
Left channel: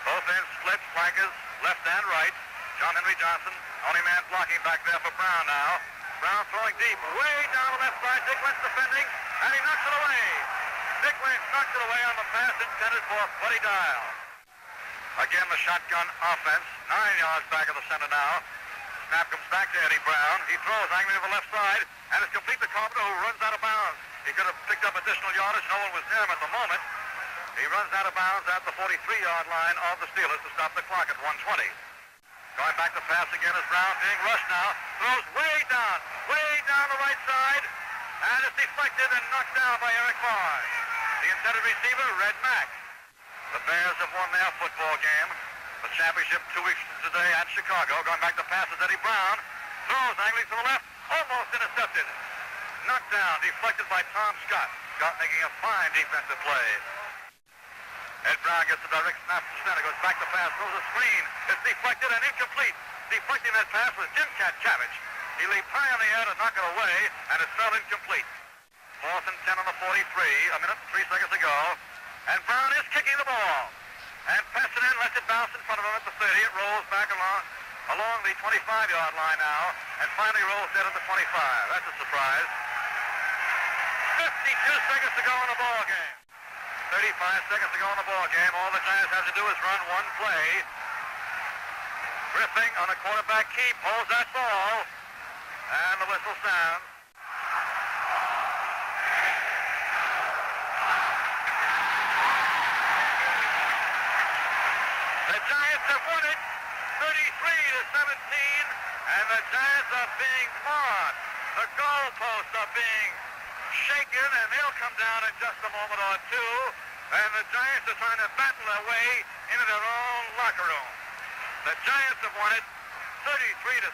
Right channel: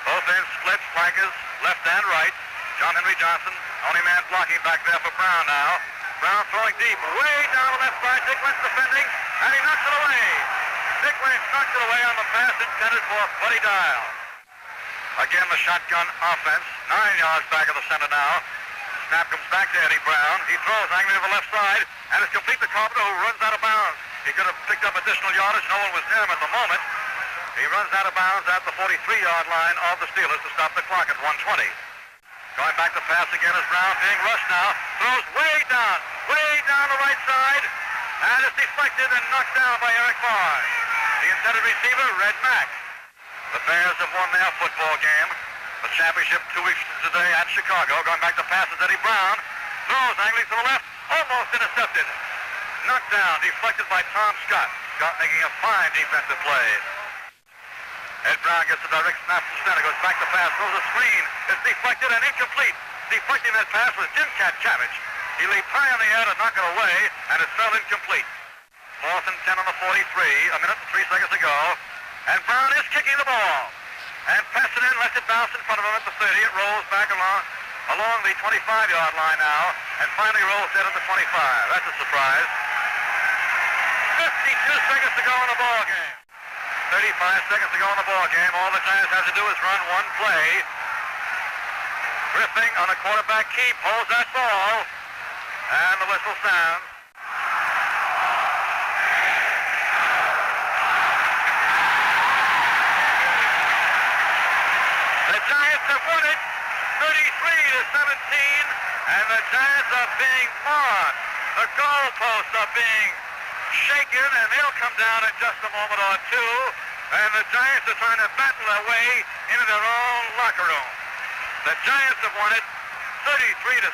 Both ends split, flankers, left and right. John Henry Johnson, only man blocking back there for Brown now. Brown throwing deep, way down the left side. Dick Lynch defending, and he knocks it away. Dick Lynch knocks it away on the pass intended for Buddy Dial. Again, the shotgun offense, 9 yards back of the center now. Snap comes back to Eddie Brown. He throws angry to the left side, and it's complete to Carpenter, who runs out of bounds. He could have picked up additional yardage. No one was near him at the moment. He runs out of bounds at the 43-yard line of the Steelers to stop the clock at 1:20. Going back to pass again is Brown, being rushed now. Throws way down the right side, and it's deflected and knocked down by Eric Barr. The intended receiver, Red Mack. The Bears have won their football game. The championship 2 weeks today at Chicago. Going back to pass is Eddie Brown. Throws angling to the left, almost intercepted. Knocked down, deflected by Tom Scott. Scott making a fine defensive play. Ed Brown gets a direct snap from center, goes back to pass, throws a screen. It's deflected and incomplete. Deflecting that pass was Jim Cat Chavich. He leaped high in the air to knock it away, and it fell incomplete. 4th and 10 on the 43, a minute and 3 seconds ago. And Brown is kicking the ball. And passes it in, lets it bounce in front of him at the 30. It rolls back along the 25-yard line now, and finally rolls dead at the 25. That's a surprise. 52 seconds to go in the ball game. 35 seconds to go in the ball game. All the Giants have to do is run one play. Griffin on a quarterback keep holds that ball, and the whistle sounds. The Giants have won it, 33-17, and the Giants are being marked. The goalposts are being shaken, and they'll come down in just a moment or two, and the Giants are trying to battle their way into their own locker room. The Giants have won it 33-17.